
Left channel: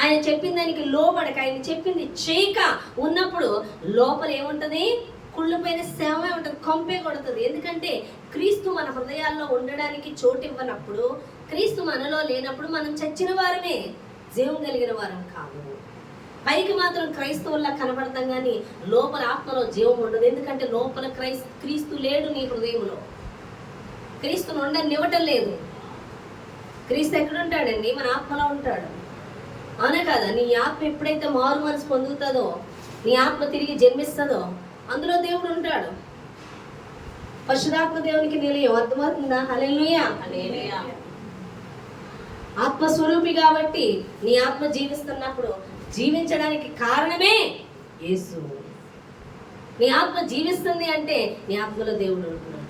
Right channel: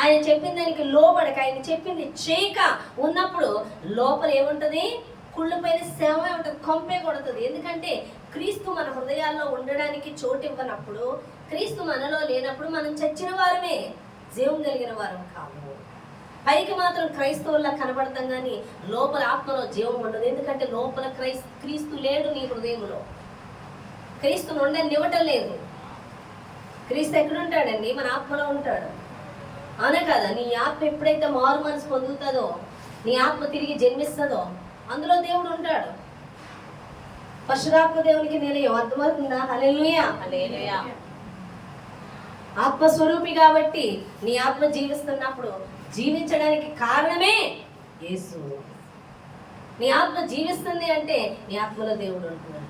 ఆయన చెప్పిన దానికి లోబడక, ఆయన చెప్పింది చేయక ఉన్నప్పుడు లోపల ఏముంటది? కుళ్ళిపోయిన శవమే ఉంటుంది, కొంపే కొడుతుంది. ఎందుకంటే క్రీస్తు మన హృదయాల్లో ఉండడానికి చోటు ఇవ్వనప్పుడు, క్రీస్తు మనలో లేనప్పుడు మనం చచ్చిన వారమే, జీవం కలిగిన వారం కాదు. పైకి మాత్రం క్రైస్తవుల్లా కనబడతాం, కానీ లోపల ఆత్మలో జీవం ఉండదు. ఎందుకంటే లోపల క్రీస్తు లేడు నీ హృదయంలో. క్రీస్తును ఉండనివ్వటం లేదు. క్రీస్తు ఎక్కడుంటాడండి? మన ఆత్మలో ఉంటాడు, అవునా కదా? నీ ఆత్మ ఎప్పుడైతే మారు మనసు పొందుతుందో, నీ ఆత్మ తిరిగి జన్మిస్తుందో, అందులో దేవుడు ఉంటాడు. పరిశుద్ధాత్మ దేవునికి నిలయం. అర్థమవుతుందా? హల్లెలూయా. ఆత్మస్వరూపి కాబట్టి నీ ఆత్మ జీవిస్తున్నప్పుడు జీవించడానికి కారణమే యేసు. నీ ఆత్మ జీవిస్తుంది అంటే నీ ఆత్మలో దేవుడు ఉంటున్నాడు.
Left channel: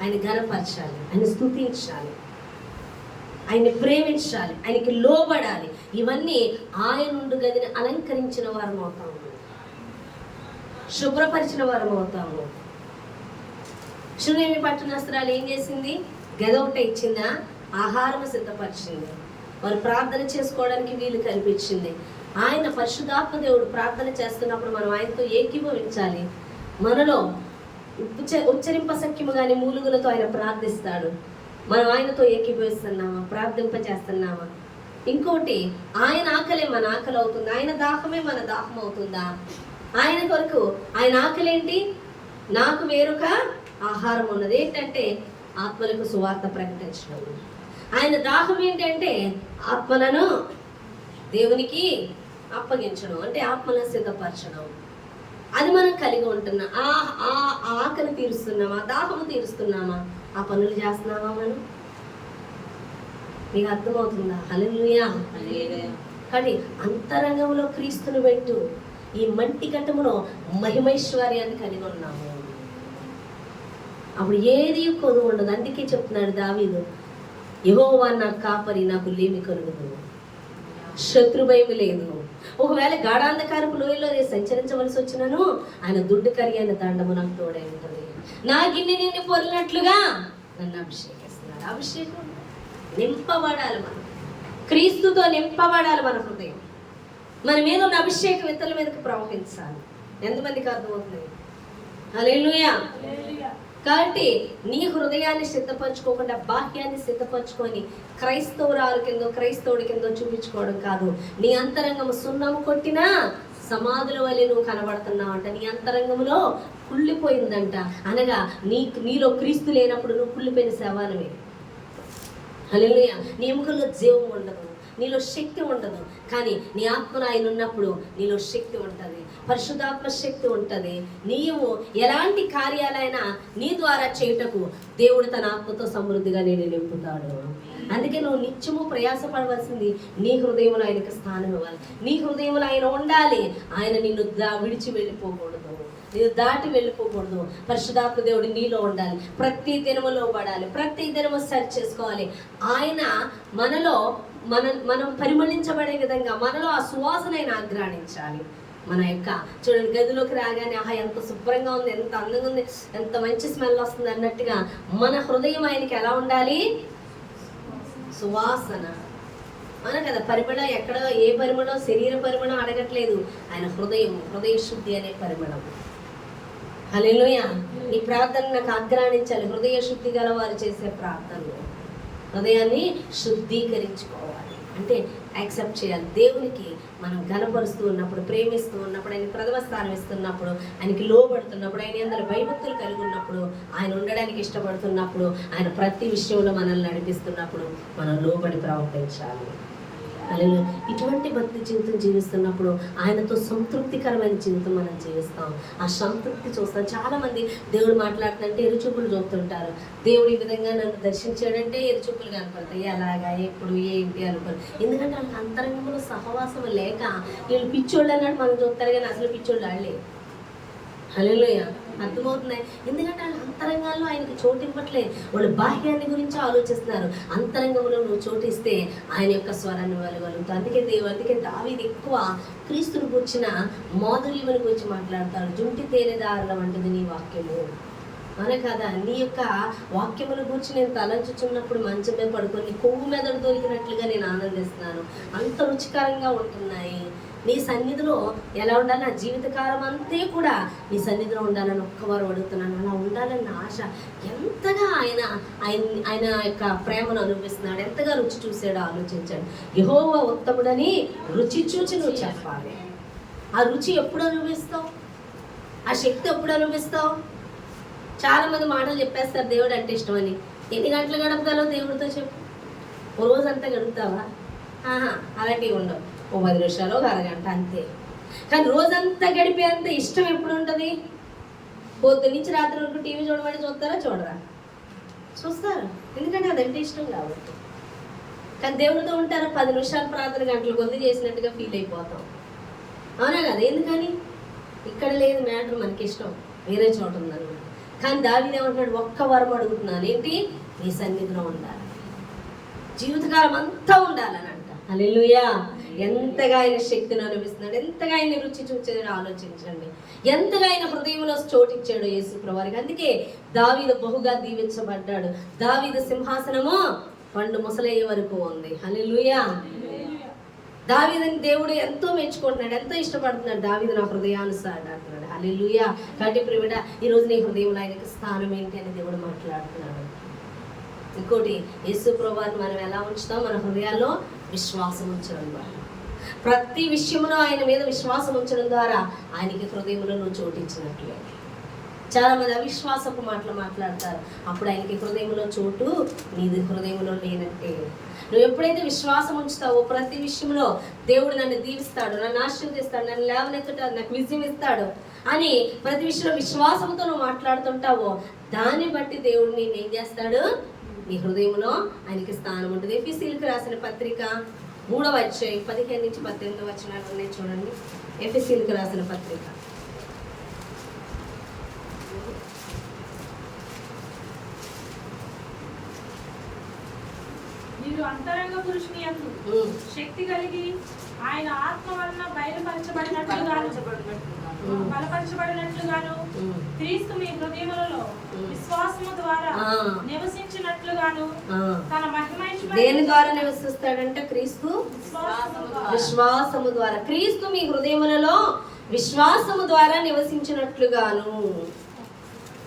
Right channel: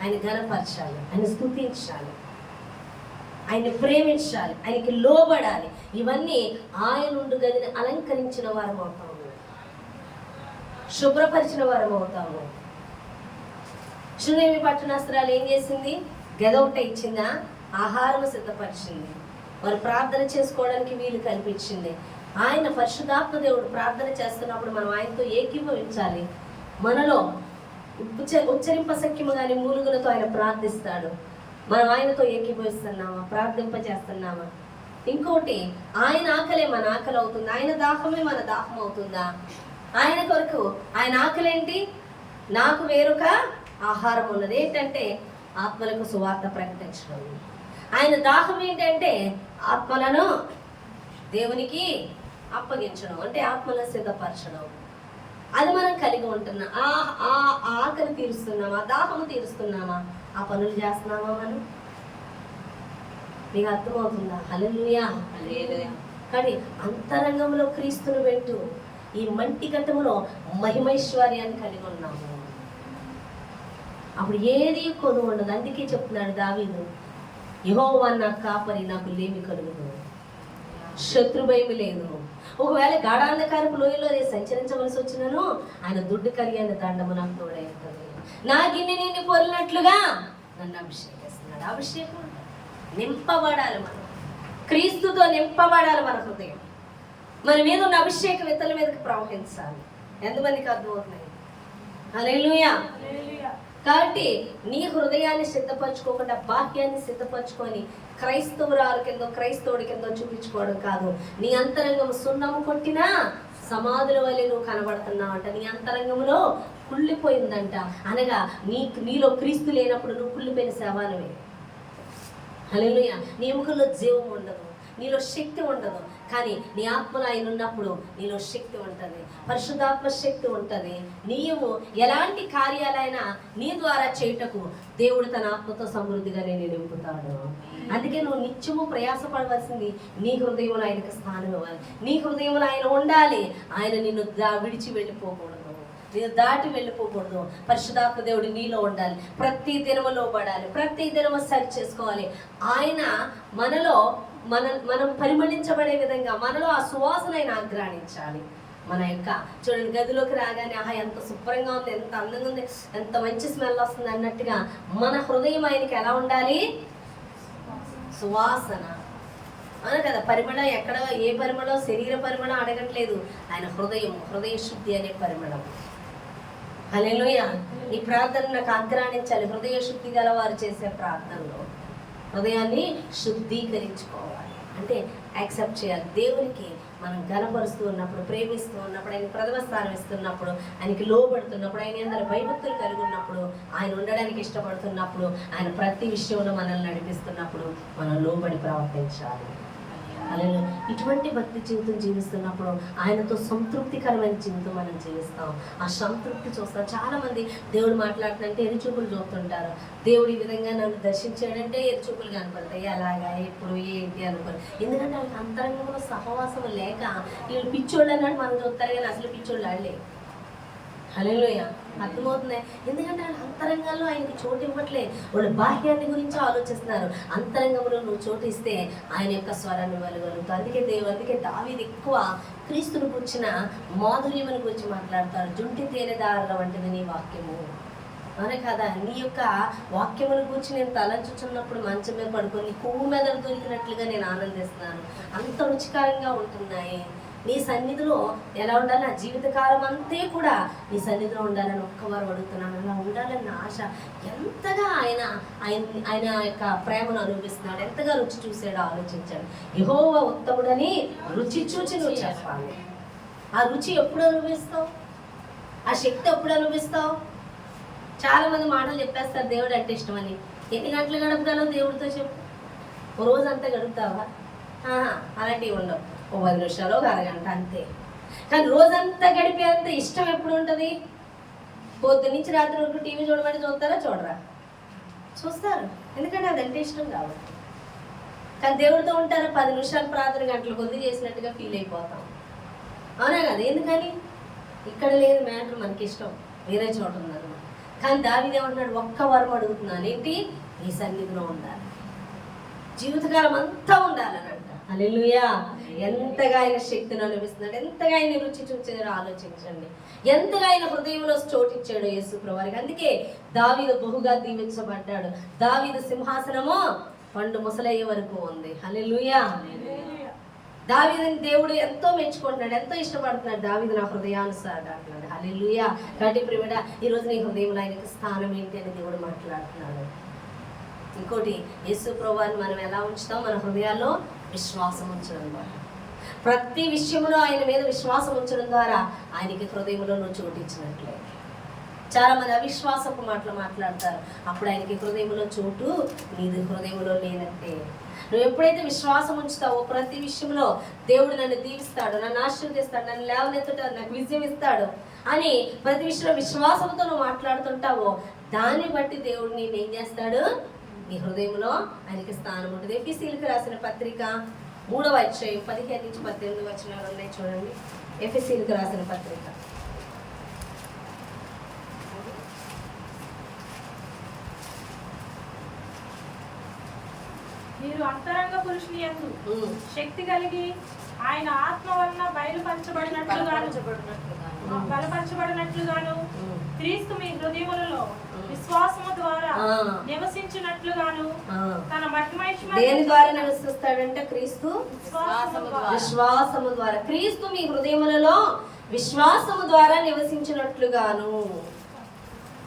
ఆయన ఘనపరచాలి, ఆయన స్తుతించాలి, ఆయన్ని ప్రేమించాలి, ఆయనకి లోబడాలి. ఇవన్నీ ఆయన ఉండు గదిని అలంకరించిన వారం అవుతాము, శుభ్రపరిచిన వారం అవుతాము. శూనేమి పట్టణస్తురాలు ఏం చేసింది? గద ఒకటి ఇచ్చిందా? ఆహారం సిద్ధపరిచింది, వారు ప్రార్థన చేసుకోవడానికి వీలు కల్పించింది. ఆయన పరిశుద్ధాత్మ దేవుడు ప్రార్థన చేస్తున్నప్పుడు మనం ఆయనతో ఏకీభవించాలి. మనలో ఉచ్చరింపశక్యము కానీ మూలుగులతో ఆయన ప్రార్థిస్తాడు. మనం ఆయనతో ఏకీభవిస్తున్నామా? ప్రార్థింప చేస్తున్నామా? ఇంకోటి, ఆయన ఆకలే మన ఆకలి అవుతుంది, ఆయన దాహమే మన దాహం అవుతుందా? ఆయన కొరకు ఆయన ఆకలి ఏంటి? నాకు వేరొక ఆహారం ఉన్నది. ఏంటంటే ఆత్మలకు సువార్త ప్రకటించడం. ఆయన దాహం ఏంటంటే ఆత్మలను దేవునికి అప్పగించడం, అంటే ఆత్మలను సిద్ధపరచడం. అది మనం కలిగి ఉంటున్నాం. ఆ ఆకలి తీరుస్తున్నామా? దాహము తీరుస్తున్నామా? ఆ పనులు చేస్తున్నామా మనం? నీకు అర్థమవుతుందా? హల్లెలూయా. కానీ అంతరంగంలో క్రీస్తును పెట్టు, ఈ మంటి ఘట్టములో మహిమైశ్వర్యాన్ని కలిగి ఉన్నాము. అప్పుడు ఏది కొదువు ఉండదు. అందుకే చెప్తున్నాడు దావీదు, యెహోవా నా కాపరి, నాకు లేమి కలుగుదు, శత్రు భయం లేదు. ఒకవేళ గాఢాంధకారపు లోయలో నేను సంచరించవలసి వచ్చినను, ఆయన దుడ్డు కరిగిన దండము నాకు తోడై ఉంటుంది. నా గిన్నె నిండి పొరినట్లుగా నన్ను అభిషేకిస్తున్నాడు. అభిషేకం నింపబడాలి, మనం క్రీస్తుతో నింపబడాలి. మన హృదయం, మన మీద ఉన్న అభిషేకం ఇతరుల మీదకి ప్రవహించాలి. ఎంతమందికి అర్థమవుతుంది? హల్లెలూయా. కాబట్టి నీ హృదయాన్ని సిద్ధపరచుకోకుండా బాహ్యాన్ని సిద్ధపరచుకొని క్రైస్తవురాలు కింద క్రైస్తవుడి కింద చూపించుకోవడం కాదు. నీ అంతరంగము సున్నము కొట్టినా సమాధుల వల్లే నువ్వు కనబడుతున్నావంట. నీ అంతరంగంలో కుళ్ళిపోయిందంట. అనగా నీలో క్రీస్తు లేనప్పుడు నువ్వు కుళ్ళిపోయిన శవానివే. హల్లెలూయా. నీ ఎముకల్లో జీవం ఉండదు, నీలో శక్తి ఉండదు. కానీ నీ ఆత్మలో ఆయన ఉన్నప్పుడు నీలో శక్తి ఉంటుంది, పరిశుద్ధాత్మ శక్తి ఉంటుంది. నీవు ఎలాంటి కార్యాలైనా నీ ద్వారా చేయుటకు దేవుడు తన ఆత్మతో సమృద్ధిగా నేను నింపుతాడు. అందుకే నువ్వు నిత్యము ప్రయాసపడవలసింది నీ హృదయంలో ఆయనకు స్థానం ఇవ్వాలి. నీ హృదయంలో ఆయన ఉండాలి. ఆయన నిన్ను విడిచి వెళ్ళిపోకూడదు, నేను దాటి వెళ్ళిపోకూడదు. పరిశుద్ధాత్మ దేవుడు నీలో ఉండాలి. ప్రతి దినములో పడాలి, ప్రతి దినము సరి చేసుకోవాలి. ఆయన మనలో మనం పరిమళించబడే విధంగా మనలో ఆ సువాసన ఆయన ఆగ్రాణించాలి. మన యొక్క చూడండి, గదిలోకి రాగానే ఆహా ఎంత శుభ్రంగా ఉంది, ఎంత అందంగా ఉంది, ఎంత మంచి స్మెల్ వస్తుంది అన్నట్టుగా మన హృదయం ఆయనకి ఎలా ఉండాలి? సువాసన. అవును కదా? పరిమళం ఎక్కడ, ఏ పరిమళం? శరీర పరిమళం అడగట్లేదు, ఆయన హృదయ శుద్ధి అనే పరిమళం. హల్లెలూయా. ఈ ప్రార్థన నాకు ఆగ్రాణించాలి. హృదయ శుద్ధి గల వారు చేసే ప్రార్థనలో హృదయాన్ని శుద్ధీకరించుకోవాలి, అంటే యాక్సెప్ట్ చేయాలి. దేవునికి మనం గణపరుస్తూ ఉన్నప్పుడు, ప్రేమిస్తూ ఉన్నప్పుడు, ఆయన ప్రథమ స్థానం ఇస్తున్నప్పుడు, ఆయనకి లోబడుతున్నప్పుడు, ఆయన అందరూ భయభక్తులు కలిగి ఉన్నప్పుడు, ఆయన ఉండడానికి ఇష్టపడుతున్నప్పుడు, ఆయన ప్రతి విషయంలో మనల్ని నడిపిస్తున్నప్పుడు మనం లోబడి ప్రవర్తించాలి. హల్లెలూయా. ఇటువంటి భక్తి జీవితం జీవిస్తున్నప్పుడు ఆయనతో సంతృప్తికరమైన జీవితం మనం జీవిస్తాం. ఆ సంతృప్తి చూస్తాం. చాలా మంది దేవుడు మాట్లాడుతుంటే ఎరుచూపులు చూపుతుంటారు. దేవుడు ఈ విధంగా నన్ను దర్శించాడంటే ఎరుచూపులు కనపడతాయి. అలాగా ఎప్పుడు ఏంటి అనుకోరు. ఎందుకంటే వాళ్ళకి అంతరంగంలో సహవాసం లేక వీళ్ళు పిచ్చోళ్ళు అన్నాడు మనం చూస్తారు, కానీ అసలు పిచ్చోళ్ళు వాళ్ళే. హల్లెలూయా. అర్థమవుతుంది. ఎందుకంటే వాళ్ళ అంతరంగాల్లో ఆయనకి చోటు ఇవ్వట్లే. వాళ్ళు బాహ్యాన్ని గురించి ఆలోచిస్తున్నారు. అంతరంగంలో నువ్వు చోటిస్తే ఆయన యొక్క స్వరాన్ని వెలుగలుగుతావు. అందుకే దావీదు ఎక్కువ క్రీస్తుని కూర్చిన మాధుర్యముని గురించి మాట్లాడతాడు. జుంటి తేనెదారుల వంటిది నీ వాక్యము. అవునే కదా. నీ యొక్క వాక్యమును గురించి నేను తలంచుచున్నప్పుడు మంచం మీద పడుకొని కొవ్వు మెదడు దొరికినట్లుగా నేను ఆనందిస్తున్నాను. అంత రుచికరంగా ఉంటున్నాయి. నీ సన్నిధిలో ఎలా ఉండాలి? నా జీవితకాలం అంతే కూడా నీ సన్నిధిలో ఉండాలని ఒక్కవారు అడుగుతున్నాను. అలా ఉండాలని ఆశ. ఎంతగా ఆయన యొక్క ప్రేమను అనుభవిస్తున్నాడు, ఎంతగా రుచి చూసాడో ఆలోచించాడు. యెహోవా ఉత్తముడని రుచి చూచి నువ్వు చెప్పాలి. ఆ రుచి ఎప్పుడు అనుభవిస్తావు? ఆ శక్తి ఎప్పుడు అనుభవిస్తావు? చాలా మంది మాటలు చెప్పేస్తారు దేవుడు అంటే ఇష్టమని. ఎన్ని గంటలు గడపగలవు దేవుడితో చెప్పు? ఓ రోజంతా గడుపుతావా? అలాంటివి ఉండవు. ఓ 10 నిమిషాలు, ఒక అరగంట అంతే. కానీ రోజంతా గడిపేంత ఇష్టం ఎప్పుడు ఉంటుంది? పొద్దు నుంచి రాత్రి వరకు టీవీ చూడమని చూస్తారా? చూడరా? చూస్తారు. ఎందుకంటే అదంటే ఇష్టం కాబట్టి. కానీ దేవుడితో ఉంటారా? 10 నిమిషాలు ప్రార్థన గంటలు కొద్ది చేసినట్టుగా ఫీల్ అయిపోతాం. అవునా కదా? ఎందుకని? ఇక్కడ లేదు మ్యాటర్, మనకి ఇష్టం వేరే చోట ఉందన్నమాట. కానీ దావీదు ఏమంటున్నాడు? ఒక్క వరం అడుగుతున్నాను, ఏంటి? నీ సన్నిధిలో ఉండాలి, జీవితకాలం అంతా ఉండాలని అంట. హల్లెలూయా. ఎంతగా ఆయన శక్తిని అనుభవిస్తున్నాడు, ఎంతగా ఆయన రుచి చూచాడో ఆలోచించండి. ఎంతగా ఆయన హృదయంలో చోటిచ్చాడు యేసు ప్రభువారికి. అందుకే దావీదు బహుగా దీవించబడ్డాడు. దావీదు సింహాసనము పండు ముసలయ్యే వరకు ఉంది. హల్లెలూయా. దావీదుని దేవుడు ఎంతో మెచ్చుకుంటున్నాడు, ఎంతో ఇష్టపడుతున్నాడు. దావీదు నా హృదయానుసారుడు అంటున్నాడు. హల్లెలూయా. కాబట్టి ప్రియమైన ఈరోజు నీ హృదయంలో ఆయనకి స్థానం ఏంటి అని దేవుడు మాట్లాడుతున్నాడు. ఇంకోటి, యేసు ప్రభువారిని మనం ఎలా ఉంచుతాం? మన హృదయాల్లో విశ్వాసం ఉంచడం ద్వారా. ప్రతి విషయంలో ఆయన మీద విశ్వాసం ఉంచడం ద్వారా ఆయనకి హృదయంలో నువ్వు చోటించినట్లే. చాలా మంది అవిశ్వాసపు మాటలు మాట్లాడతారు. అప్పుడు ఆయనకి హృదయంలో చోటు నీది హృదయంలో లేనంటే. నువ్వు ఎప్పుడైతే విశ్వాసం ఉంచుతావో ప్రతి విషయంలో దేవుడు నన్ను దీవిస్తాడు, నన్ను ఆశీర్వదిస్తాడు, నన్ను లేవనెత్తుతాడు, నాకు విజయం ఇస్తాడు అని ప్రతి విషయంలో విశ్వాసంతో నువ్వు మాట్లాడుతుంటావో దాన్ని బట్టి దేవుడు నేను ఏం చేస్తాడు? నీ హృదయంలో ఆయనకి స్థానం ఉంటుంది. ఎఫెసీయులకు రాసిన పత్రిక 3వ అధ్యాయం 15 నుంచి 18 వచనాలు ఉన్నాయి చూడండి. ఎఫెసీయులకు రాసిన పత్రిక. మీరు అంతరంగ పురుషుని యందు శక్తి కలిగి ఆయన ఆత్మ వలన బలపరచబడినట్లుగాను క్రీస్తు మీ హృదయములలో విశ్వాసము ద్వారా నివసించినట్లుగాను తన మహిమ దేని ద్వారా నివసిస్తాడంటే క్రీస్తు విశ్వాసము ద్వారా. క్రీస్తు మీ హృదయములలో విశ్వాసము ద్వారా నివసించినట్లుగాను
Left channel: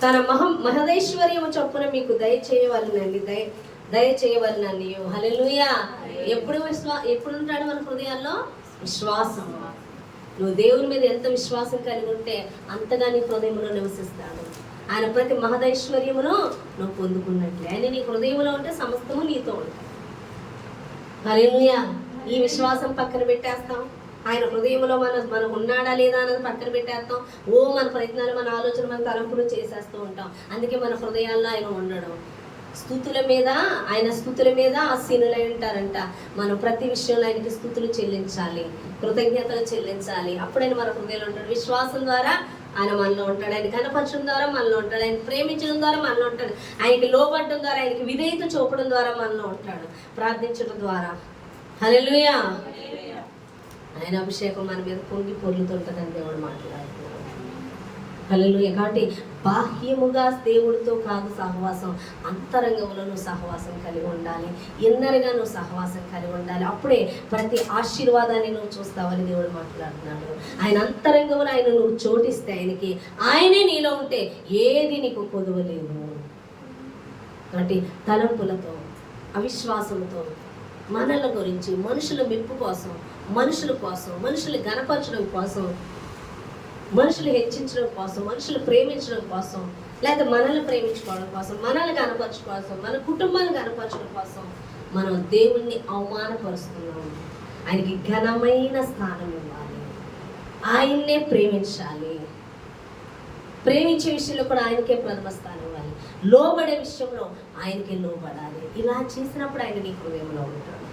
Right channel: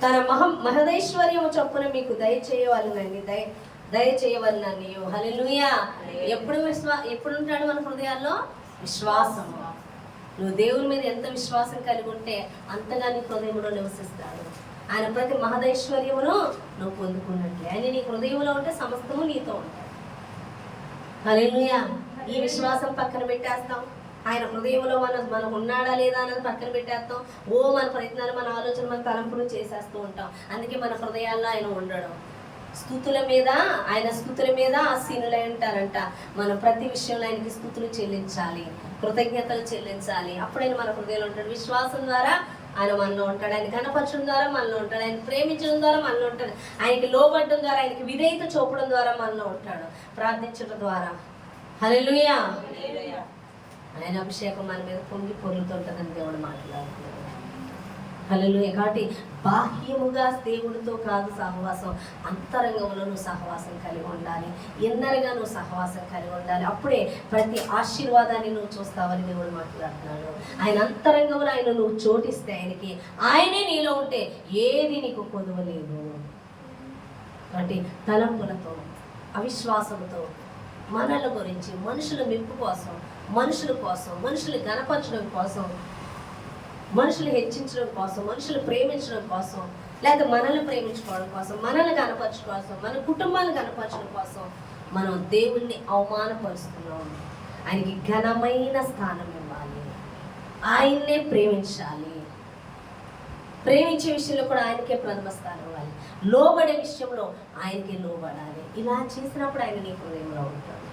తన మహదేశ్వర్యము చొప్పున మీకు దయచేయవలనండి. హల్లెలూయా. ఎప్పుడు ఉంటాడు మన హృదయాల్లో? విశ్వాసం. నువ్వు దేవుని మీద ఎంత విశ్వాసం కలిగి ఉంటే అంతగా నీ హృదయంలో నివసిస్తాడు. ఆయన ప్రతి మహదైశ్వర్యమును నువ్వు పొందుకున్నట్లే. ఆయన నీ హృదయంలో ఉంటే సమస్తము నీతో ఉంటాయి. హల్లెలూయా. ఈ విశ్వాసం పక్కన పెట్టేస్తాం. ఆయన హృదయంలో మనం ఉన్నాడా లేదా అన్నది పక్కన పెట్టేస్తాం. మన ప్రయత్నాలు, మన ఆలోచన, మన తలంపులు చేసేస్తూ ఉంటాం. అందుకే మన హృదయాల్లో ఆయన ఉండడం. ఆయన స్థుతుల మీద ఆసీనులై ఉంటారంట. మనం ప్రతి విషయంలో ఆయనకి స్థుతులు చెల్లించాలి, కృతజ్ఞతలు చెల్లించాలి. అప్పుడైనా మన హృదయంలో ఉంటాడు. విశ్వాసం ద్వారా ఆయన మనలో ఉంటాడు, ఆయన కనపరచడం ద్వారా మనలో ఉంటాడు, ఆయన ప్రేమించడం ద్వారా మనలో ఉంటాడు, ఆయనకి లోబడడం ద్వారా, ఆయనకి విధేయత చూపడం ద్వారా మనలో ఉంటాడు, ప్రార్థించడం ద్వారా. హల్లెలూయా. ఆయన అభిషేకం మన మీద పొంగి పొర్లుతుంటుందని దేవుడు మాట్లాడుతున్నాడు. హల్లెలూయా. కాబట్టి బాహ్యముగా దేవుడితో కాదు సహవాసం, అంతరంగంలో నువ్వు సహవాసం కలిగి ఉండాలి, ఇన్నరగా నువ్వు సహవాసం కలిగి ఉండాలి. అప్పుడే ప్రతి ఆశీర్వాదాన్ని నువ్వు చూస్తావని దేవుడు మాట్లాడుతున్నాడు. ఆయన అంతరంగంలో ఆయన నువ్వు చోటిస్తే ఆయనే నీలో ఉంటే ఏది నీకు కొదవలేదు. కాబట్టి తలంపులతో, అవిశ్వాసంతో, మనల గురించి, మనుషుల మెప్పు కోసం, మనుషుల కోసం, మనుషులు గణపరచడం కోసం, మనుషులు హెచ్చించడం కోసం, మనుషులు ప్రేమించడం కోసం, లేదా మనల్ని ప్రేమించుకోవడం కోసం, మనల్ని కనపరచడం కోసం, మన కుటుంబాన్ని కనపరచడం కోసం మనం దేవుణ్ణి అవమానపరుస్తున్నాం. ఆయనకి ఘనమైన స్థానం ఇవ్వాలి, ఆయన్నే ప్రేమించాలి. ప్రేమించే విషయంలో కూడా ఆయనకే ప్రథమ స్థానం ఇవ్వాలి, లోబడే విషయంలో ఆయనకే లోబడాలి. ఇలా చేసినప్పుడు ఆయన నీ హృదయంలో ఉంటాడు,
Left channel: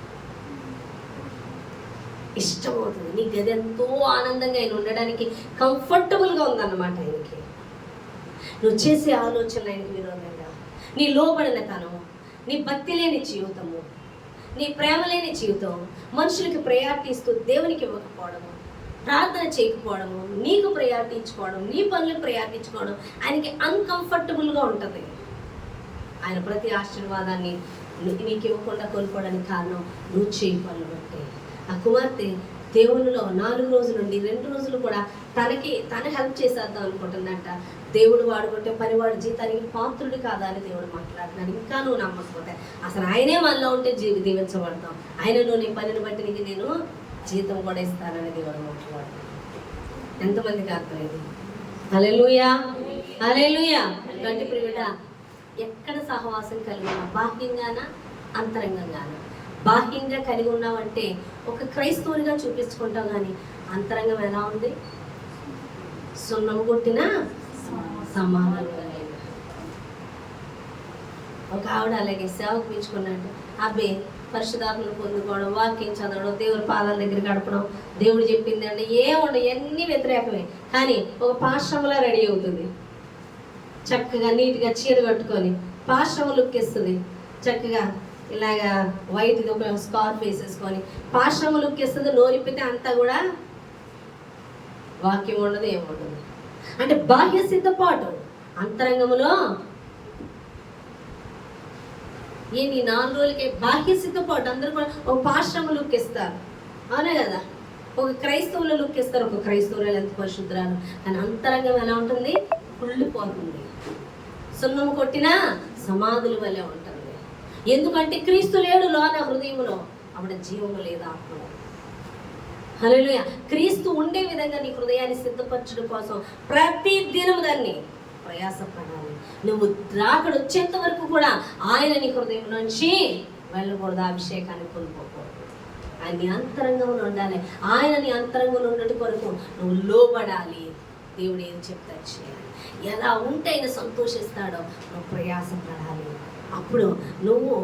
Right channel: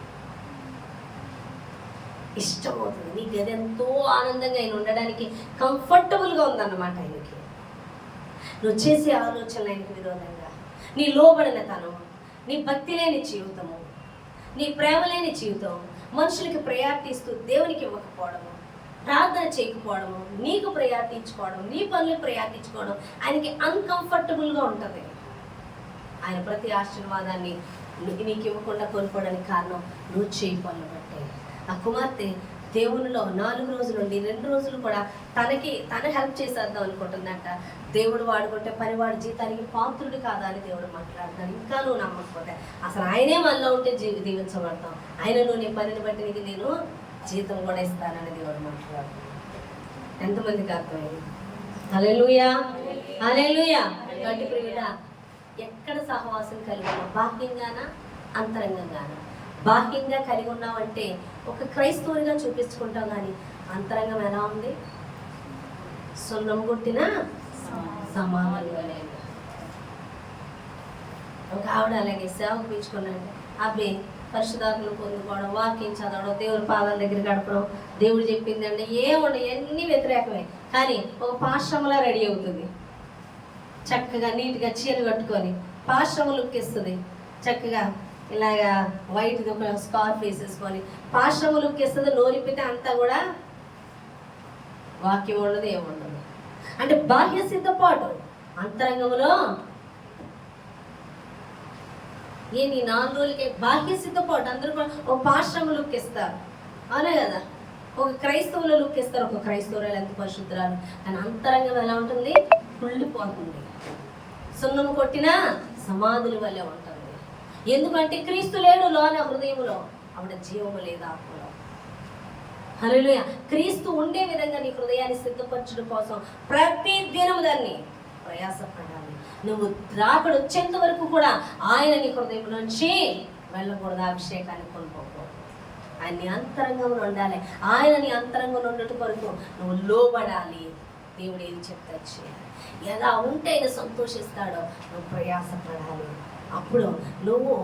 ఇష్టమవుతుంది. నీ గది ఎంతో ఆనందంగా ఆయన ఉండడానికి కంఫర్టబుల్గా ఉందన్నమాట ఆయనకి. నువ్వు చేసే ఆలోచనలు ఆయనకి విరోధంగా, నీ లోబడిన తనం, నీ భక్తి లేని జీవితము, నీ ప్రేమ లేని జీవితం, మనుషులకి ప్రయారిటీ ఇస్తూ దేవునికి ఇవ్వకపోవడము, ప్రార్థన చేయకపోవడము, నీకు ప్రయారిటీ ఇచ్చుకోవడం, నీ పనులకు ప్రయారిటీ ఇచ్చుకోవడం ఆయనకి అన్కంఫర్టబుల్గా ఉంటుంది. ఆయన ప్రతి ఆశీర్వాదాన్ని నీకు ఇవ్వకుండా కోల్పోవడానికి కారణం నువ్వు చేయి పనులు బట్టే. ఆ కుమార్తె దేవునిలో 4 రోజులు ఉండి 2 రోజులు కూడా తన హెల్ప్ చేసేద్దాం అనుకుంటుందంట. దేవుడు వాడుకుంటే పనివాడు జీతానికి పాత్రుడు కాదా అని దేవుడు మాట్లాడుతున్నాడు. ఇంకా నువ్వు నమ్మకపోతే అసలు ఆయనే మనలో ఉంటే దీవించబడతాం. ఆయన నువ్వు నీ పనిని బట్టి నీకు నేను జీతం కూడా ఇస్తానని దేవుడు మాట్లాడుతున్నాడు. ఎంతమందికి అర్థమైంది? హల్లెలూయా, హల్లెలూయా. గట్టి ప్రియుడ, ఎక్కడ సహవాసం కలిగి ఉన్నా, బాహ్యంగానా అంతరంగంగానా? బాహ్యంగా కలిగి ఉన్నావంటే ఒక క్రైస్తవునిగా చూపించుకుంటావు, కానీ అంతరంగం ఎలా ఉంది? సున్నం గుట్టిన సమానులు. ఒక ఆవిడ అలాగే సేవకు పిలుచుకున్నాడు. అబ్బే పరిశుద్ధాత్మను పొందుకోవడం, వాక్యం చదవడం, దేవుని పాదాల దగ్గర గడపడం, దేవుడు చెప్పింది అంటే ఏముండవు, అన్నీ వ్యతిరేకమే. కానీ ఒక పాశ్రమలా రెడీ అవుతుంది, చక్కగా నీట్గా చీర కట్టుకొని పాశ్రమ లుక్ ఇస్తుంది. చక్కగా ఇలాగా వైట్ది ఒక స్కార్ఫ్ వేసేసుకొని పాశ్రమ లుక్ ఇస్తుంది. నోరిపితే అంతా కూడా వాక్యం ఉండదు, ఏముండదు. అంటే బాహ్య సిద్ధపాటు, అంతరంగంలో ఈ 4 రోజులకే బాహ్య సిద్ధపాటు. అందరూ కూడా ఒక పాశ్రమ లుక్ ఇస్తారు, అవునా కదా? ఒక క్రైస్తవుల లుక్ ఇస్తారు, ఒక క్రైస్తవురాలు ఎంత పరిశుద్ధరాలు, కానీ అంతరంగం ఎలా ఉంటుంది? కుళ్ళిపోతుంది, సున్నము కొట్టిన సమాధుల వల్లే ఉంటుంది. ఎందుకంటే క్రీస్తు లేడు లోన హృదయంలో, ఆవిడ జీవము లేదు ఆత్మలో. హల్లెలూయా. క్రీస్తు ఉండే విధంగా నీ హృదయాన్ని సిద్ధపరచడం కోసం ప్రతి దినము దాన్ని ప్రయాసపడాలి. నువ్వు రాకడ వచ్చేంత వరకు కూడా ఆయన నీ హృదయం నుంచి వెళ్ళకూడదు, అభిషేకాన్ని కోల్పోకూడదు. ఆయన నీ అంతరంగంలో ఉండాలి. ఆయన నీ అంతరంగంలో ఉండటం కొరకు నువ్వు లోబడాలి. దేవుడు ఏం చెప్తాడు చేయాలి. ఎలా ఉంటే ఆయన సంతోషిస్తాడో నువ్వు ప్రయాసపడాలి. అప్పుడు నువ్వు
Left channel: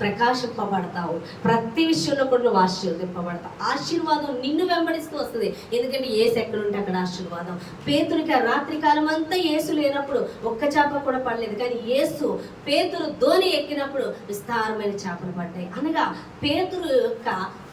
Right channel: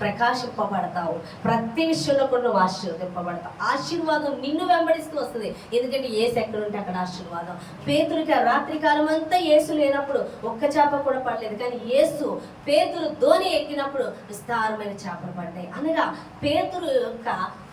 ప్రకాశింపబడతావు. ప్రతి విషయంలో కూడా నువ్వు ఆశీర్వదింపబడతావు. ఆశీర్వాదం నిన్ను వెంబడిస్తూ వస్తుంది. ఎందుకంటే యేసు ఎక్కడ ఉంటే అక్కడ ఆశీర్వాదం. పేతురుకి ఆ రాత్రి కాలం అంతా యేసు లేనప్పుడు ఒక్క చేప కూడా పడలేదు, కానీ యేసు పేతురు ధోని ఎక్కినప్పుడు విస్తారమైన చేపలు పడ్డాయి. అనగా పేతురు యొక్క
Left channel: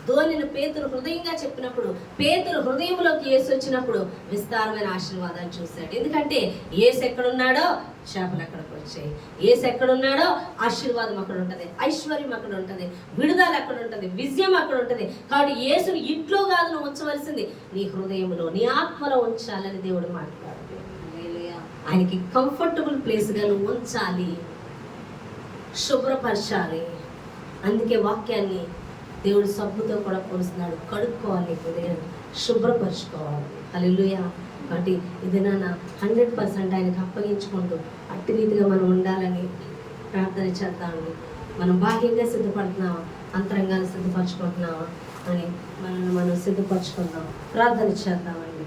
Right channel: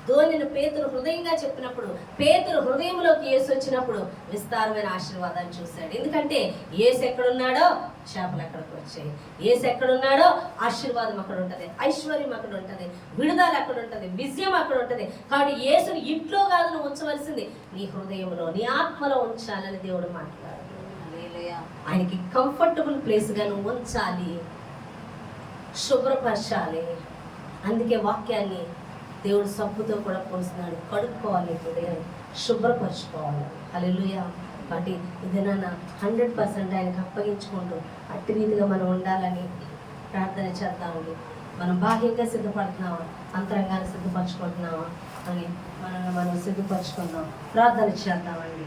ధోనిని పేతురు హృదయంగా చెప్పినప్పుడు, పేతురు హృదయంలోకి యేసు వచ్చినప్పుడు విస్తారమైన ఆశీర్వాదాలు చూశాడు. ఎందుకంటే యేసు ఎక్కడున్నాడో చేపలు అక్కడికి వచ్చాయి. యేసు ఎక్కడున్నాడో ఆశీర్వాదం అక్కడ ఉంటుంది, ఐశ్వర్యం అక్కడ ఉంటుంది, విడుదల అక్కడ ఉంటుంది, విజయం అక్కడ ఉంటుంది. కాబట్టి యేసుని ఇంట్లో కాదు నువ్వు ఉంచవలసింది, నీ హృదయంలో, నీ ఆత్మలో ఉంచాలని దేవుడు మాట్లాడాడు. ఆయనకి కంఫర్టబుల్ ప్లేస్గా నువ్వు ఉంచాలి, శుభ్రపరచాలి. అందుకే వాక్యాన్ని దేవుడు సబ్బుతో కూడా పోస్తున్నాడు. కడుక్కోవాలి, హృదయాన్ని శుభ్రపరచుకోవాలి. హల్లెలూయా. కాబట్టి ఇది నాన్న 100% ఆయనకు అప్పగించుకుంటూ అట్టి రీతిగా మనం ఉండాలని ప్రార్థన చేద్దామండి. మనం బాహ్యంగా సిద్ధపడుతున్నావా, అంతరంగాన్ని సిద్ధపరచుకుంటున్నావా అని మనం సిద్ధపరచుకుందాం. ప్రార్థన చేద్దామండి.